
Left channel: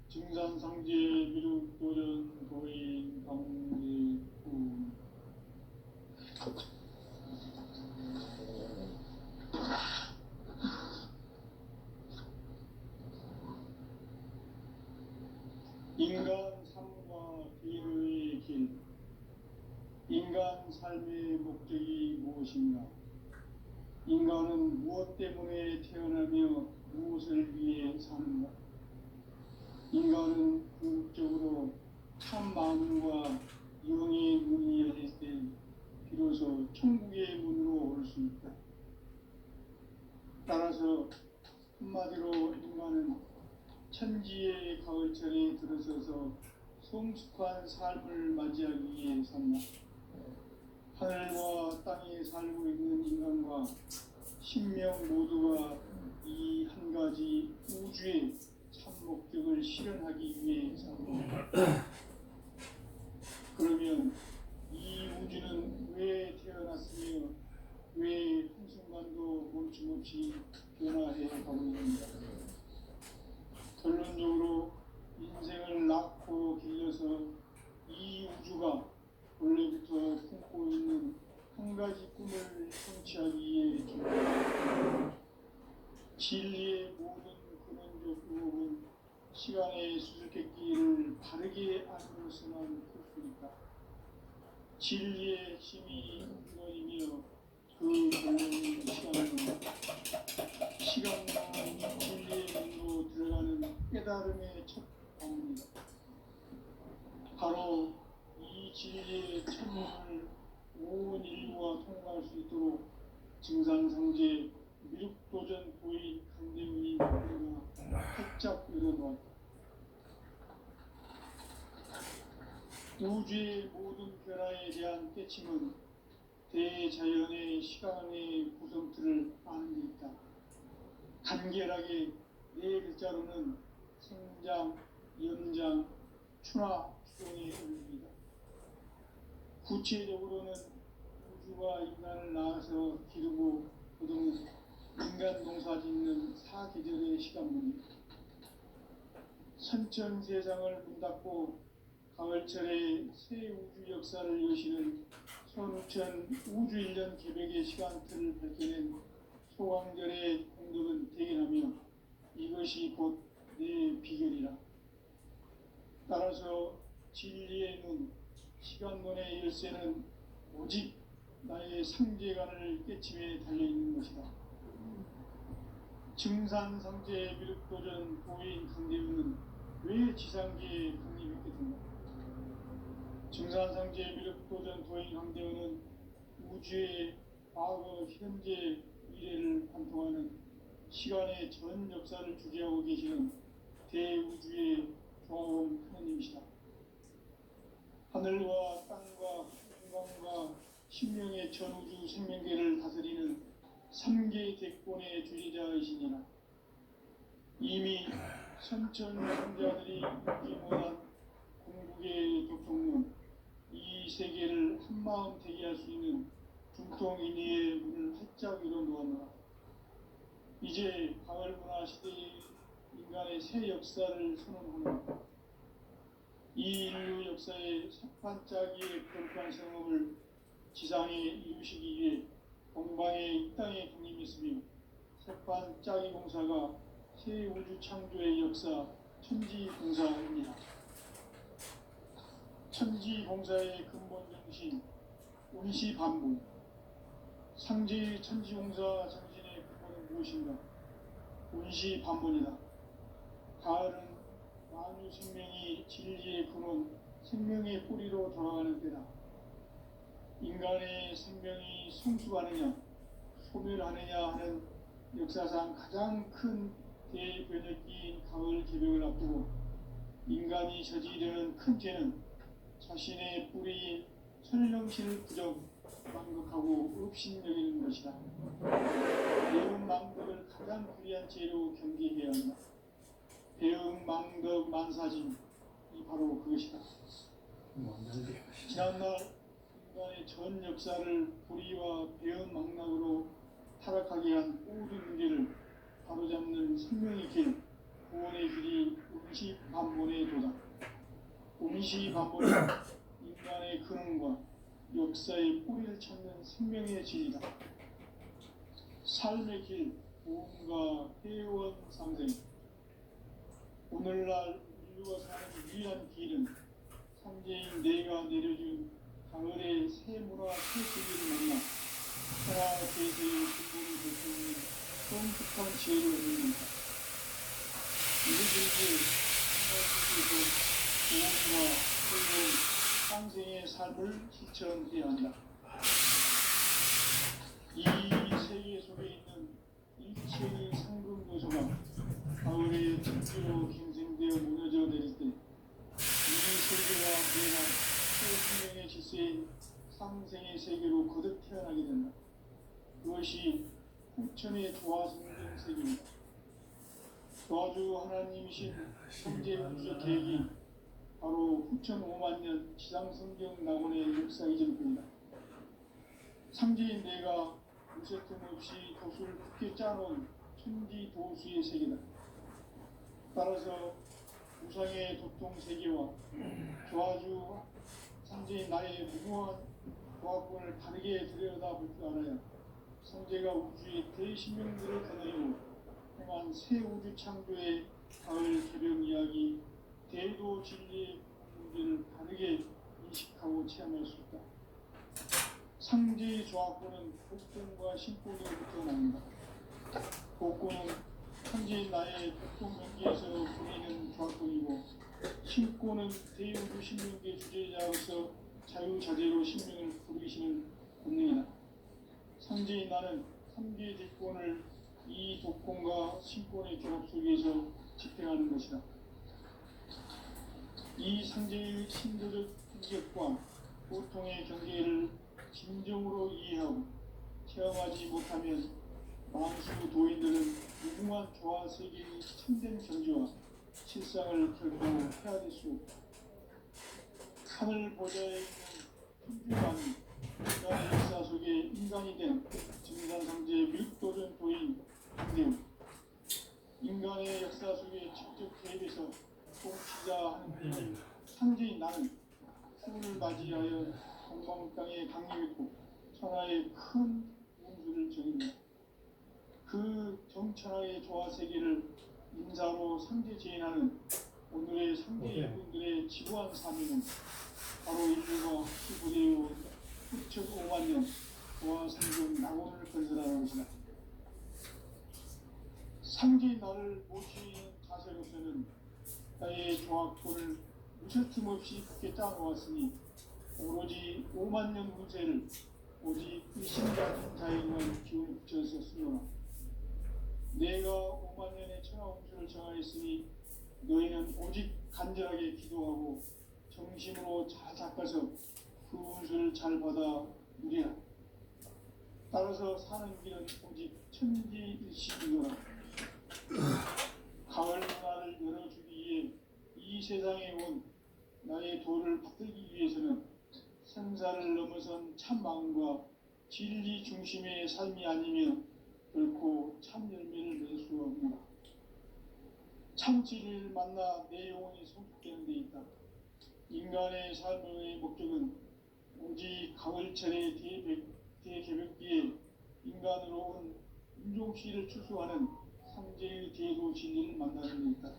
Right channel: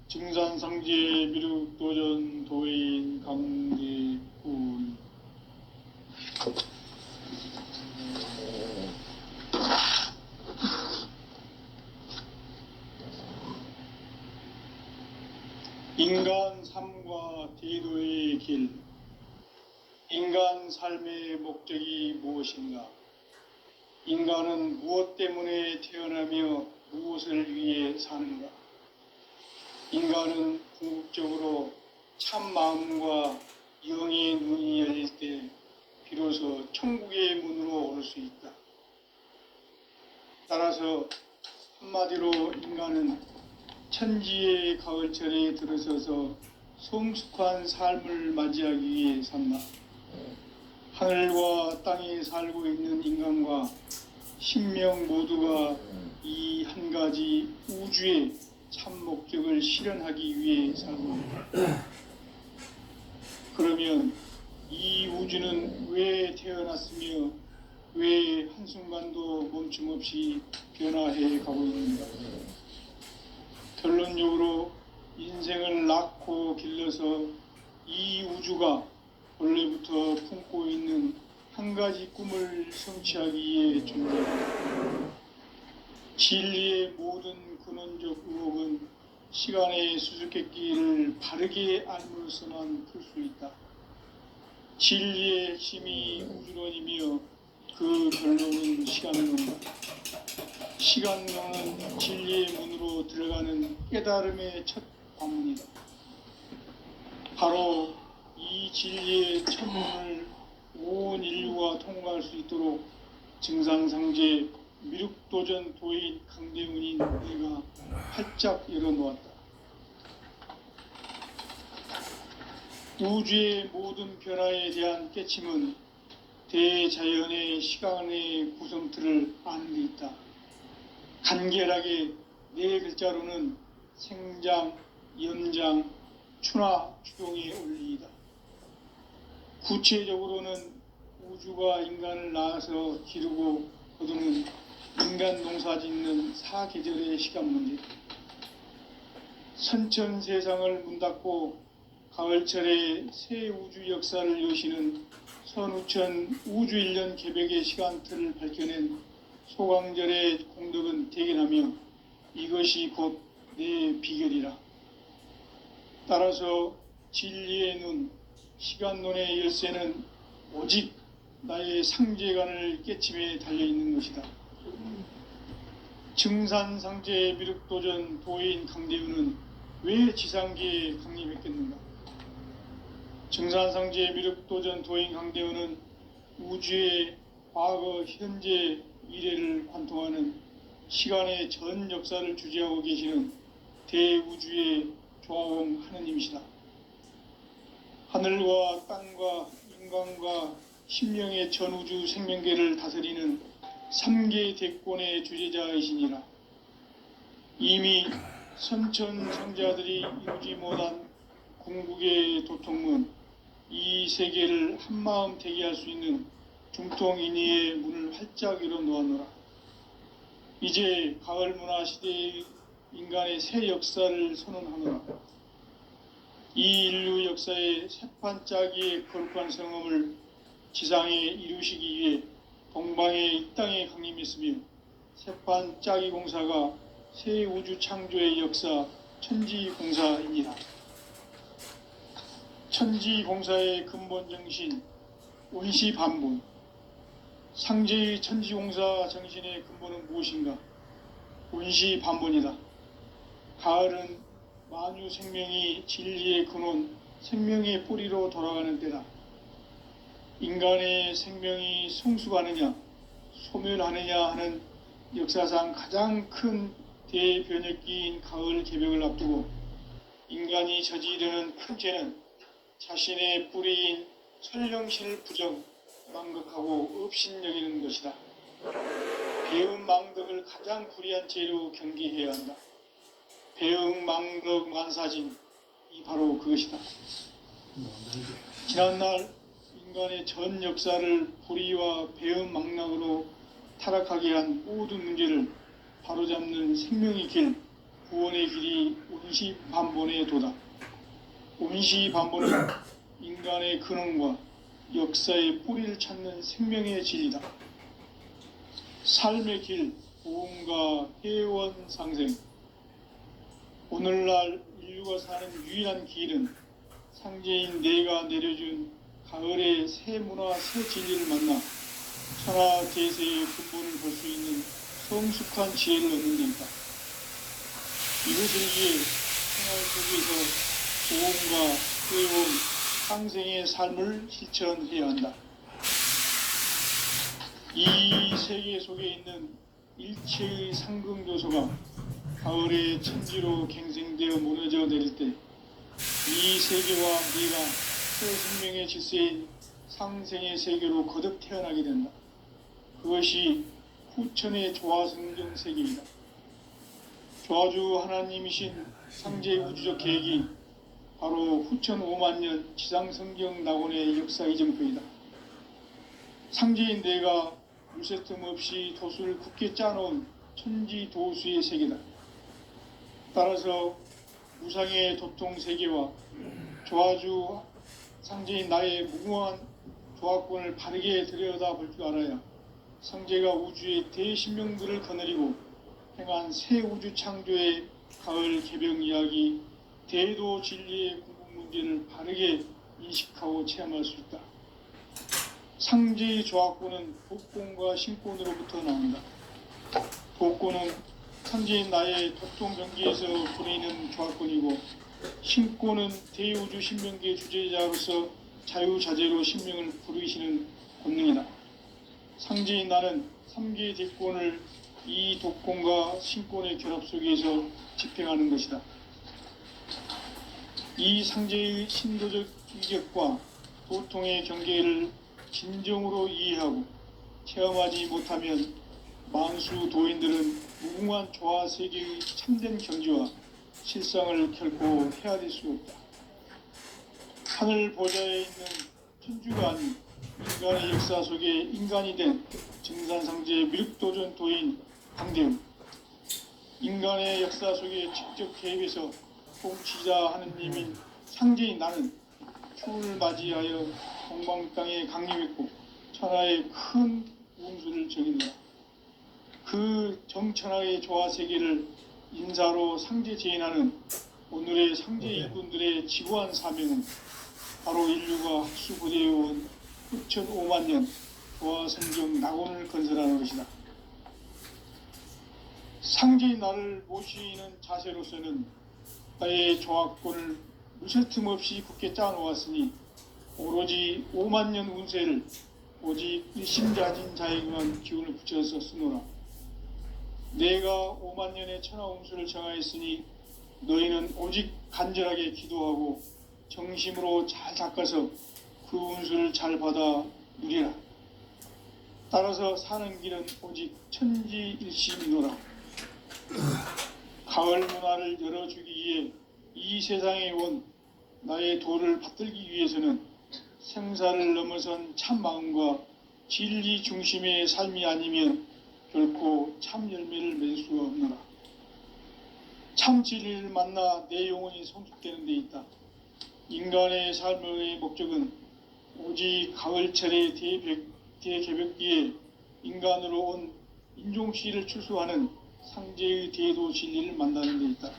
증산상제 미륵도전 도인 강대군. 인간 삶과 대도의 길. 인간 삶의 목적이 무엇인가? 인간은 무엇 때문에 태어나며 무엇을 위해 사는가? 인간은 궁극적으로 참 마음과 영의 눈이 열릴 때 비로소 천국의 문으로 올 수 있다. 따라서 한마디로 인간은 천지의 가을철에 들어서서 성숙한 삶을 맞이하기 위해 산다. 하늘과 땅에 살고 있는 인간과 신명 모두가 이 한 가지 우주의 참 목적을 실현하기 위해 살고 있다. 그러면 이 우주는 왜 태어났으며 왜 한순간도 멈춤 없이 변화해 가고 있는가? 결론적으로 인생을 낳고 길러서 이 우주가 원래부터 품고 있는 한 가지 꿈을 성취하기 위해 존재한다. 진리의 모든 근원적 의혹은 시간의 수수께끼를 바르게 알므로서만 풀 수 있다. 진리의 핵심이 우주론이며 그 결론은 시간론이다. 시간론은 진리의 문으로 들어가는 깨달음의 첫 관문이다. 바로 이 진리의 첫 문을 온 인류가 통과할 수 있도록 증상상제 미륵도전 도인 강대문인 내가 활짝 열어놓았다. 우주의 모든 변화에 대한 깨침은 대자연의 시간의 구성틀을 아는 데 있다. 간결하게 네 글자로는 생장, 연장, 추나 추동의 원리이다. 구체적으로는 우주가 인간을 낳아서 기르고 거두는 인간 농사 짓는 사계절의 시간 문제, 선천 세상을 문 닫고 가을철에 새 우주 역사를 여시는 선우천 우주일년 개벽의 시간틀을 밝혀낸 소강절의 공덕은 대견하며 이것이 곧 내 비결이라. 따라서 진리의 눈, 시간론의 열쇠는 오직 나의 상제관을 깨침에 달려있는 것이다. 증산상제 미륵도전 도인 강대우는 왜 지상계에 강림했겠는가? 증산상제 미륵도전 도인 강대우는 우주의 과거, 현재, 미래를 관통하는 시간의 전 역사를 주재하고 계시는 대우주의 조화원 하느님이시다. 하늘과 땅과 인간과 신명의 전우주 생명계를 다스리는 3계 대권의 주재자이시니라. 이미 선천성자들이 이루지 못한 궁극의 도통문, 이 세계를 한마음 대기할 수 있는 중통인의의 문을 활짝 열어 놓았노라. 이제 가을 문화 시대의 인간의 새 역사를 선언하노라. 이 인류 역사의 새판짜기의 거룩한 성험을 지상에 이루시기 위해 동방의 이 땅에 강림했으며 새판짜기 공사가 새 우주 창조의 역사 천지공사입니다. 천지공사의 근본 정신 원시반본, 상제의 천지공사 정신의 근본은 무엇인가? 원시반본이다. 가을은 만유 생명이 진리의 근원, 생명의 뿌리로 돌아가는 때다. 인간의 생명이 성숙하느냐, 소멸하느냐 하는 역사상 가장 큰 대변혁기인 가을 개벽을 앞두고 인간이 저지르는 큰 죄는 자신의 뿌리인 설령신을 부정, 망극하고 업신여기는 것이다. 배음 망덕을 가장 불의한 죄로 경계해야 한다. 배음 망덕 만사진, 이 바로 그것이다. 지난날 인간의 전 역사를 불의와 배음 망락으로 타락하게 한 모든 문제를 바로잡는 생명의 길, 구원의 길이 원시반본의 도다. 원시반본은 인간의 근원과 역사의 뿌리를 찾는 생명의 진리다. 삶의 길, 보험과 회원 상생. 오늘날 인류가 사는 유일한 길은 상제인 내가 내려준 가을의 새 문화, 새 진리를 만나 천하 제세의 근본을 볼 수 있는 성숙한 지혜를 얻는 데이다. 이것을 위해 생활 속에서 보험과 회원, 상생의 삶을 실천해야 한다. 이 세계 속에 있는 일체의 상금 요소가 가을의 천지로 갱생되어 무너져 내릴 때 이 세계와 내가 새 생명의 질서인 상생의 세계로 거듭 태어나게 된다. 그것이 후천의 조화성경 세계이다. 조화주 하나님이신 상제 우주적 계획이 바로 후천 5만 년 지상성경 낙원의 역사 이정표이다. 상제인 내가 무쇠틈 없이 도수를 굳게 짜놓은 천지도수의 세계다. 따라서 무상의 도통 세계와 조화주 상제인 나의 무궁한 조화권을 바르게 들여다볼 줄 알아야 상제가 우주의 대신명들을 거느리고 행한 새 우주 창조의 가을 개벽 이야기, 대도 진리의 궁극 문제를 바르게 인식하고 체험할 수 있다. 상제의 조화권은 독권과 신권으로부터 나온다. 독권은 상제인 나의 도통 경계에서 부리는 조화권이고, 신권은 대우주 신명계 주제자로서 자유자재로 신명을 부르시는 권능이다. 상제인 나는 3계 대권을 이 독권과 신권의 결합 속에서 집행하는 것이다. 이 상제의 신도적 이격과 도통의 경계를 진정으로 이해하고 체험하지 못하면 만수 도인들은 무궁한 조화 세계의 참된 경지와 실상을 결코 헤아릴 수 없다. 하늘 보좌에 있는 천주가 아닌 인간의 역사 속에 인간이 된 증산상제의 미륵도전도인 강대웅, 인간의 역사 속에 직접 개입해서 통치자 하느님인 상제인 나는 추운을 맞이하여 동방 땅에 강림했고 천하의 큰 우음수를 정했노라. 그 정천하의 조화 세계를 인사로 상제 제인하는 오늘의 상제 일꾼들의 지구한 사명은 바로 인류가 학수고대해온 6,500만 년 조화 성경 낙원을 건설하는 것이다. 상제인 나를 모시는 자세로서는 나의 조합권을 무쇠 틈 없이 굳게 짜놓았으니 오로지 5만 년 운세를 오직 일심가진 자에게만 기운을 붙여서 쓰노라. 내가 5만 년의 천하 운수를 정하였으니 너희는 오직 간절하게 기도하고 정심으로 잘 닦아서 그 운수를 잘 받아 누리라. 따라서 사는 길은 오직 천지일심이노라. 가을 문화를 열어주기 위해 이 세상에 온 나의 도를 받들기 위해서는 생사를 넘어선 참 마음과 진리 중심의 삶이 아니면 결코 참 열매를 맺을 수가 없노라. 참 진리를 만나 내 영혼이 성숙되는 데 있다. 인간의 삶의 목적은 오직 가을철의 대개벽기에 인간으로 온 인종시를 추수하는 상제의 대도 진리를 만나는 데 있다.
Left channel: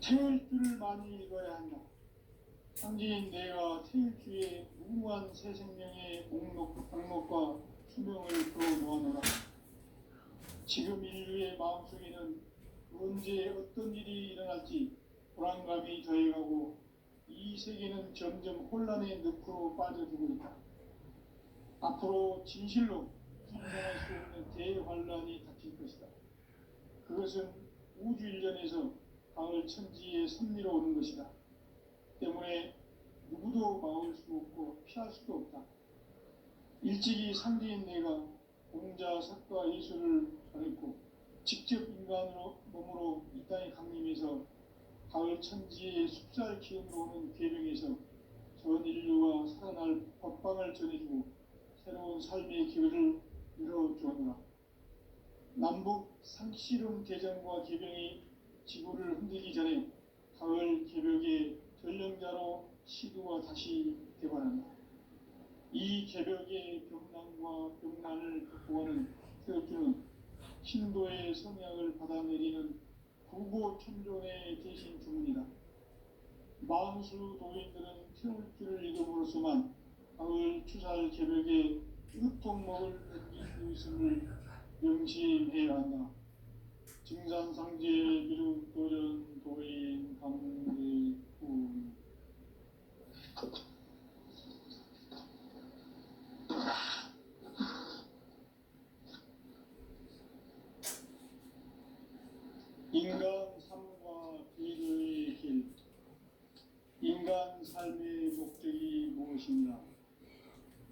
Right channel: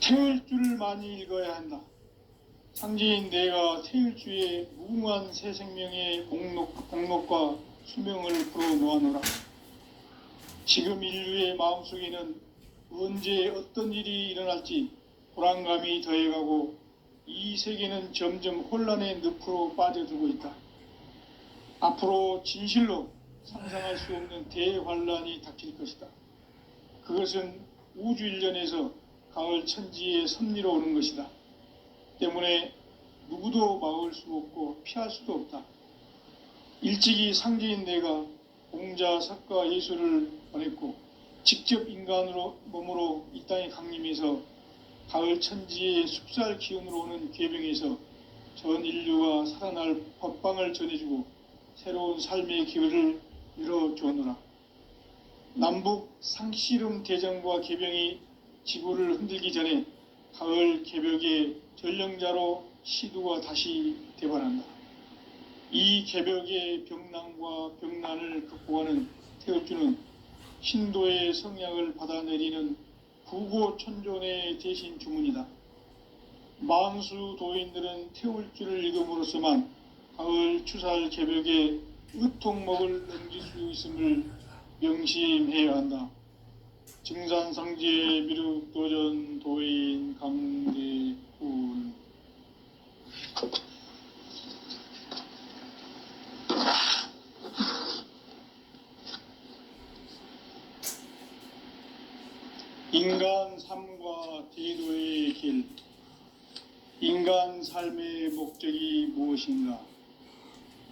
태일주를 많이 읽어야 한다. 상제인 내가 태일주의 무궁한 새 생명의 공록과 수명을 풀어놓아노라. 지금 인류의 마음속에는 언제 어떤 일이 일어날지 불안감이 더해가고 이 세계는 점점 혼란의 늪으로 빠져들고 있다. 앞으로 진실로 상상할 수 없는 대환란이 닥칠 것이다. 그것은 우주 일련에서 가을 천지의 섭리로 오는 것이다. 때문에 누구도 막을 수 없고 피할 수도 없다. 일찍이 상제인 내가 공자, 석가, 예수를 보냈고 직접 인간으로 몸으로 이 땅에 강림해서 가을 천지의 숲살 기운으로 오는 궤병에서 전 인류가 살아날 법방을 전해주고 새로운 삶의 기회를 열어주었노라. 남북 상씨름 대전과 개병이 지구를 흔들기 전에 가을 개벽의 전령자로 시두가 다시 대발한다. 이 개벽의 병난과 병난을 극복하는 태엽주는 신도의 성향을 받아내리는 구고천존의 대신 주문이다. 만수 도인들은 태울주를 읽음으로써만 가을 추살 개벽의 의통목을 넘길 수 있음을 명심해야 한다. 증산상제 미륵도전 도인 강대훈. 인간 삶과 대도의 길. 인간 삶의 목적이 무엇인가?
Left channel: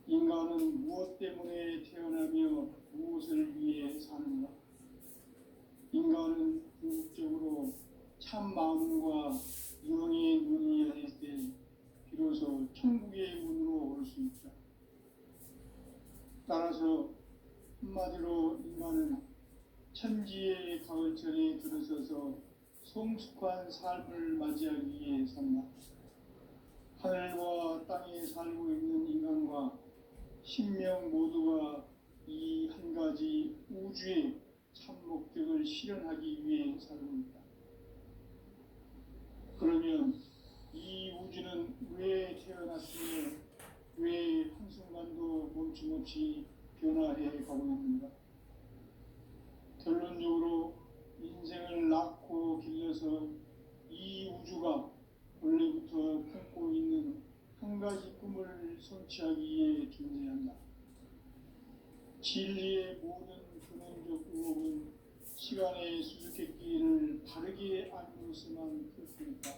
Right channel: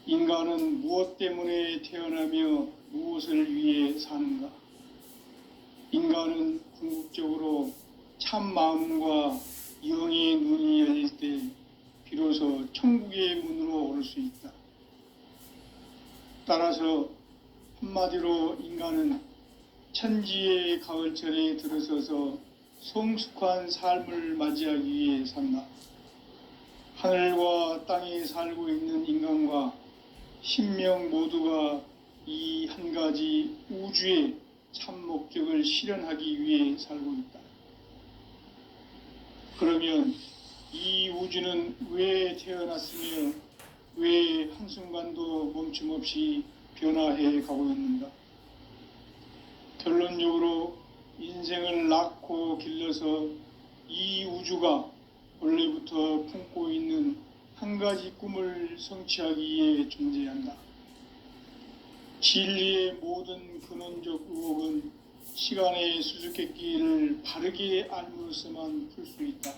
인간은 무엇 때문에 태어나며 무엇을 위해 사는가? 인간은 궁극적으로 참 마음과 영의 눈이 열릴 때 비로소 천국의 문으로 오를 수 있다. 따라서 한마디로 인간은 천지의 가을철에 들어서서 성숙한 삶을 맞이하기 위해 산다. 하늘과 땅에 살고 있는 인간과 신명 모두가 이 한 가지 우주의 참 목적을 실현하기 위해 살고 있다. 그러면 이 우주는 왜 태어났으며 왜 한순간도 멈춤없이 변화해 가고 있는가? 결론적으로 인생을 낳고 길러서 이 우주가 원래부터 품고 있는 한 가지 꿈을 성취하기 위해 존재한다. 진리의 모든 근원적 의혹은 시간의 수수께끼를 바르게 알므로서만 풀 수 있다.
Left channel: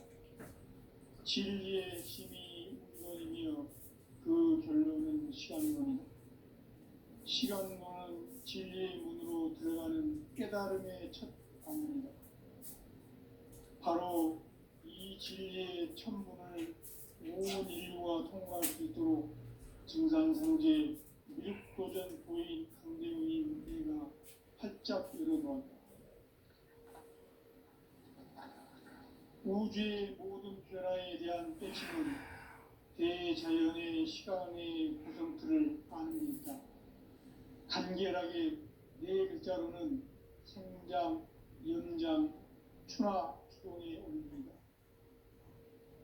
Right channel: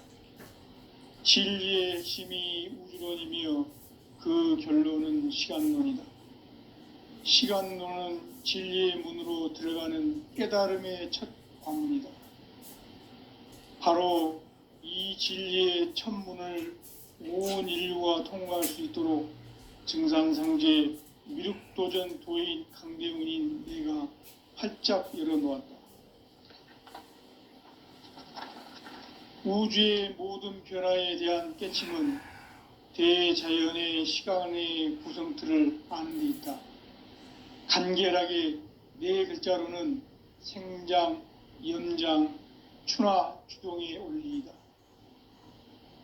진리의 핵심이 우주론이며 그 결론은 시간론이다. 시간론은 진리의 문으로 들어가는 깨달음의 첫 관문이다. 바로 이 진리의 첫 문을 온 인류가 통과할 수 있도록 증산상제 미륵도전 도인 강대훈인 내가 활짝 열어놓았다. 우주의 모든 변화에 대한 깨침은 대자연의 시간의 구성틀을 아는 데 있다. 간결하게 네 글자로는 생장, 염장, 추나 추동의 원리이다.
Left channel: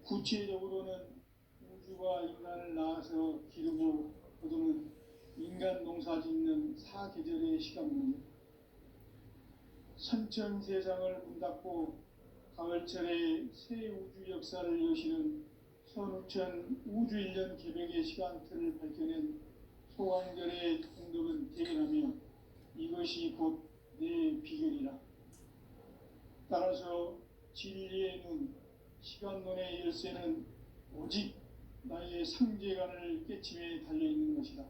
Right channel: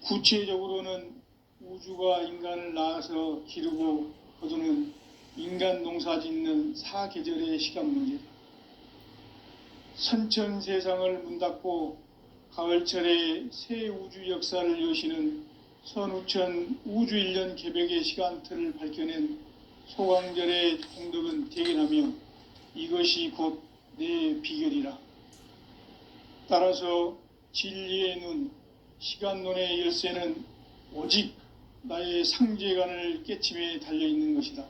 구체적으로는 우주가 인간을 낳아서 기르고 거두는 인간 농사 짓는 사계절의 시간 문제다. 선천 세상을 문 닫고 가을철에 새 우주 역사를 여시는 선우천 우주일년 개벽의 시간틀을 밝혀낸 소강절의 공덕은 대견하며 이것이 곧 내 비결이라. 따라서 진리의 눈, 시간론의 열쇠는 오직 나의 상제관을 깨침에 달려있는 것이다.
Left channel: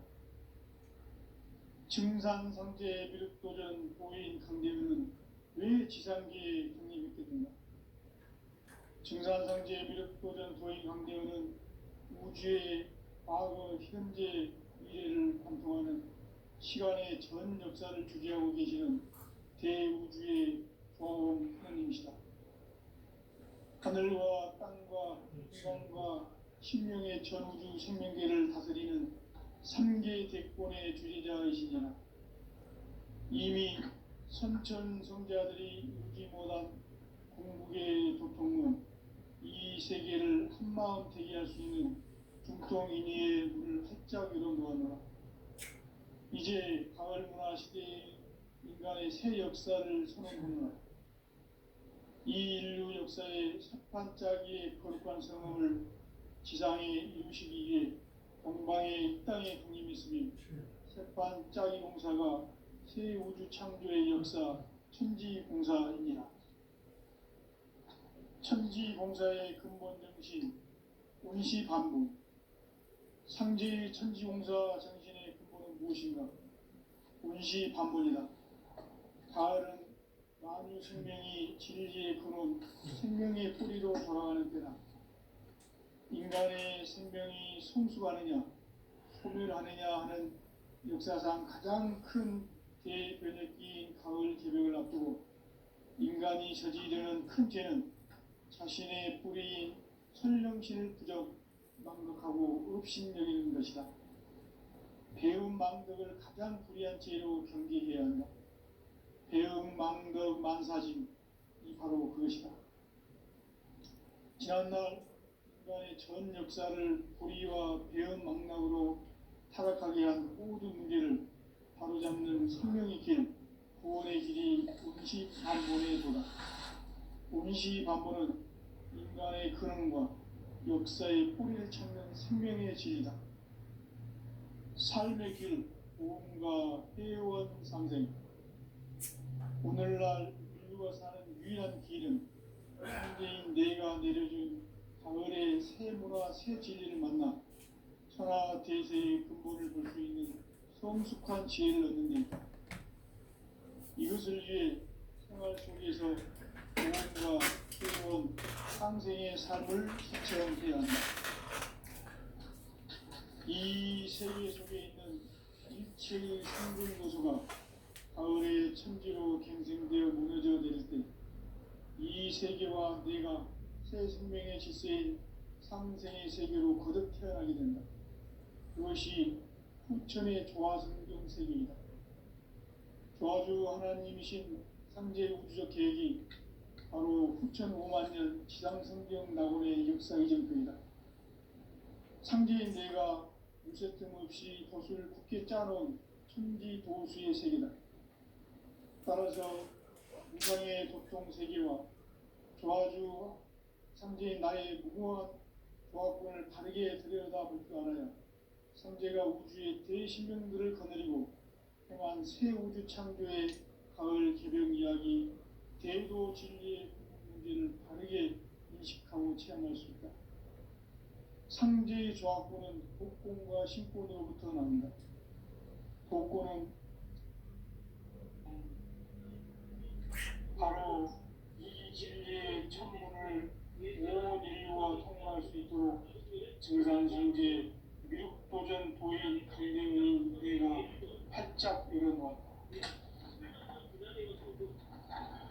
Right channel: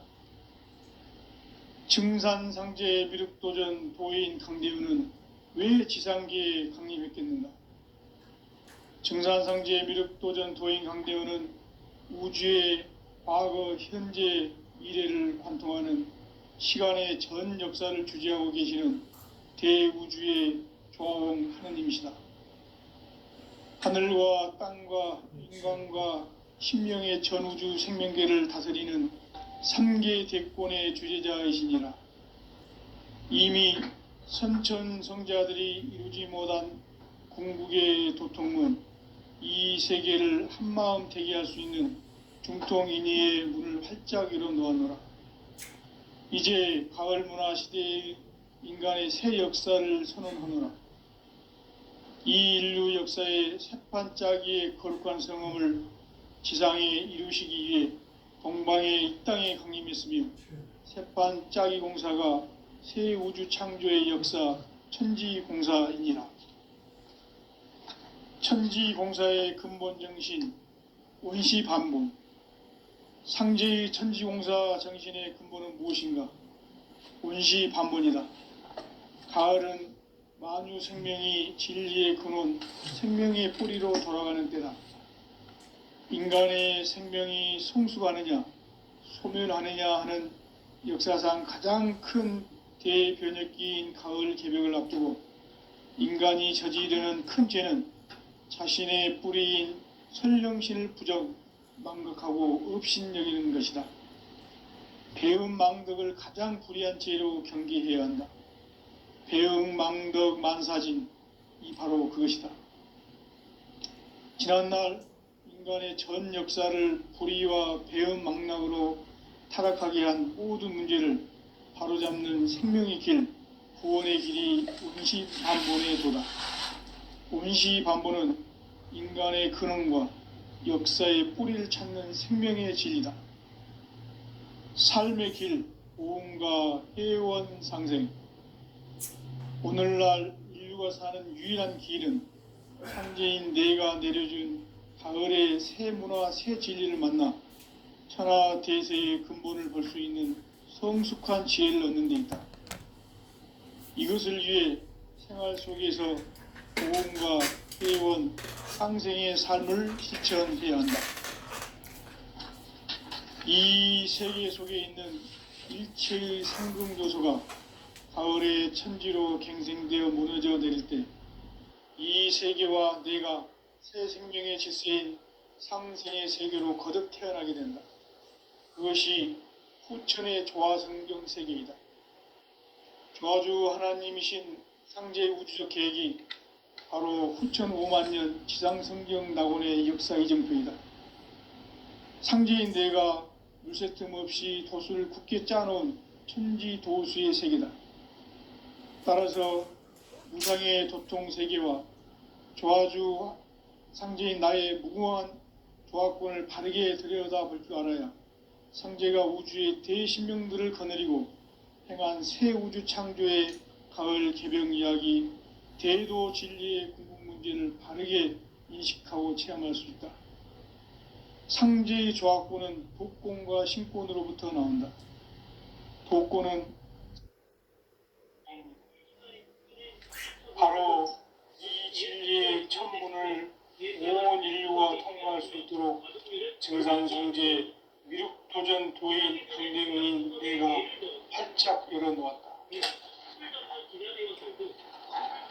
증산상제 미륵도전 도인 강대훈은 왜 지상계에 강림했겠는가? 증산상제 미륵도전 도인 강대훈은 우주의 과거, 현재, 미래를 관통하는 시간의 전 역사를 주재하고 계시는 대우주의 조화홍 하느님이시다. 하늘과 땅과 인간과 신명의 전우주 생명계를 다스리는 3계 대권의 주제자이시니라. 이미 선천성자들이 이루지 못한 궁극의 도통문, 이 세계를 한마음 되게 할 수 있는 중통인의의 문을 활짝 열어놓아노라. 이제 가을 문화 시대의 인간의 새 역사를 선언하노라. 이 인류 역사의 새판짜기의 거룩한 성험을 지상에 이루시기 위해 동방의 이 땅에 강림했으며 새판짜기 공사가 새 우주 창조의 역사 천지공사이니라. 천지공사의 근본 정신 원시반복. 상제의 천지공사 정신의 근본은 무엇인가? 원시반복이다. 가을은 만유 생명이 진리의 근원, 생명의 뿌리로 돌아가는 때다. 인간의 생명이 성숙하느냐, 소멸하느냐 하는 역사상 가장 큰 대변혁기인 가을 개벽을 앞두고 인간이 저지르는 큰 죄는 자신의 뿌리인 선령신을 부정, 망극하고 업신여기는 것이다. 배음 망덕을 가장 불의한 죄로 경계해야 한다. 배음 망덕 만사진, 이 바로 그것이다. 지난날 인간의 전 역사를 불의와 배음 망락으로 타락하게 한 모든 문제를 바로잡는 생명의 길, 구원의 길이 원시반본의 도다. 원시반본은 인간의 근원과 역사의 뿌리를 찾는 생명의 진리다. 삶의 길, 보험과 회원 상생. 오늘날 인류가 사는 유일한 길은 상제인 내가 내려준 가을의 새 문화, 새 진리를 만나 천하 대세의 근본을 볼 수 있는 성숙한 지혜를 얻는 데 있다. 이것을 위해 생활 속에서 보험과 회원, 상생의 삶을 실천해야 한다. 이 세계 속에 있는 일체의 상승 요소가 가을의 천지로 갱생되어 무너져 내릴 때 이 세계와 내가 새 생명의 질서인 상생의 세계로 거듭 태어나게 된다. 그것이 후천의 조화성경 세계이다. 조화주 하나님이신 상제 우주적 계획이 바로 후천 5만년 지상성경 낙원의 역사 이정표이다. 상제인 내가 물새 틈 없이 도수를 굳게 짜놓은 천지 도수의 세계다. 따라서 무상의 도통 세계와 조화주 상제인 나의 무궁한 조화권을 바르게 들여다볼 줄 알아야 상제가 우주의 대신명들을 거느리고 행한 새 우주 창조의 가을 개병 이야기, 대도 진리의 궁극 문제를 바르게 인식하고 체험할 수 있다. 상제의 조화권은 독권과 신권으로부터 나온다. 독권은 바로 이 진리의 천문을 온 인류가 통과할 수 있도록 증산성제 미륵도전 도인 강대문인 내가 활짝 열어놓았다.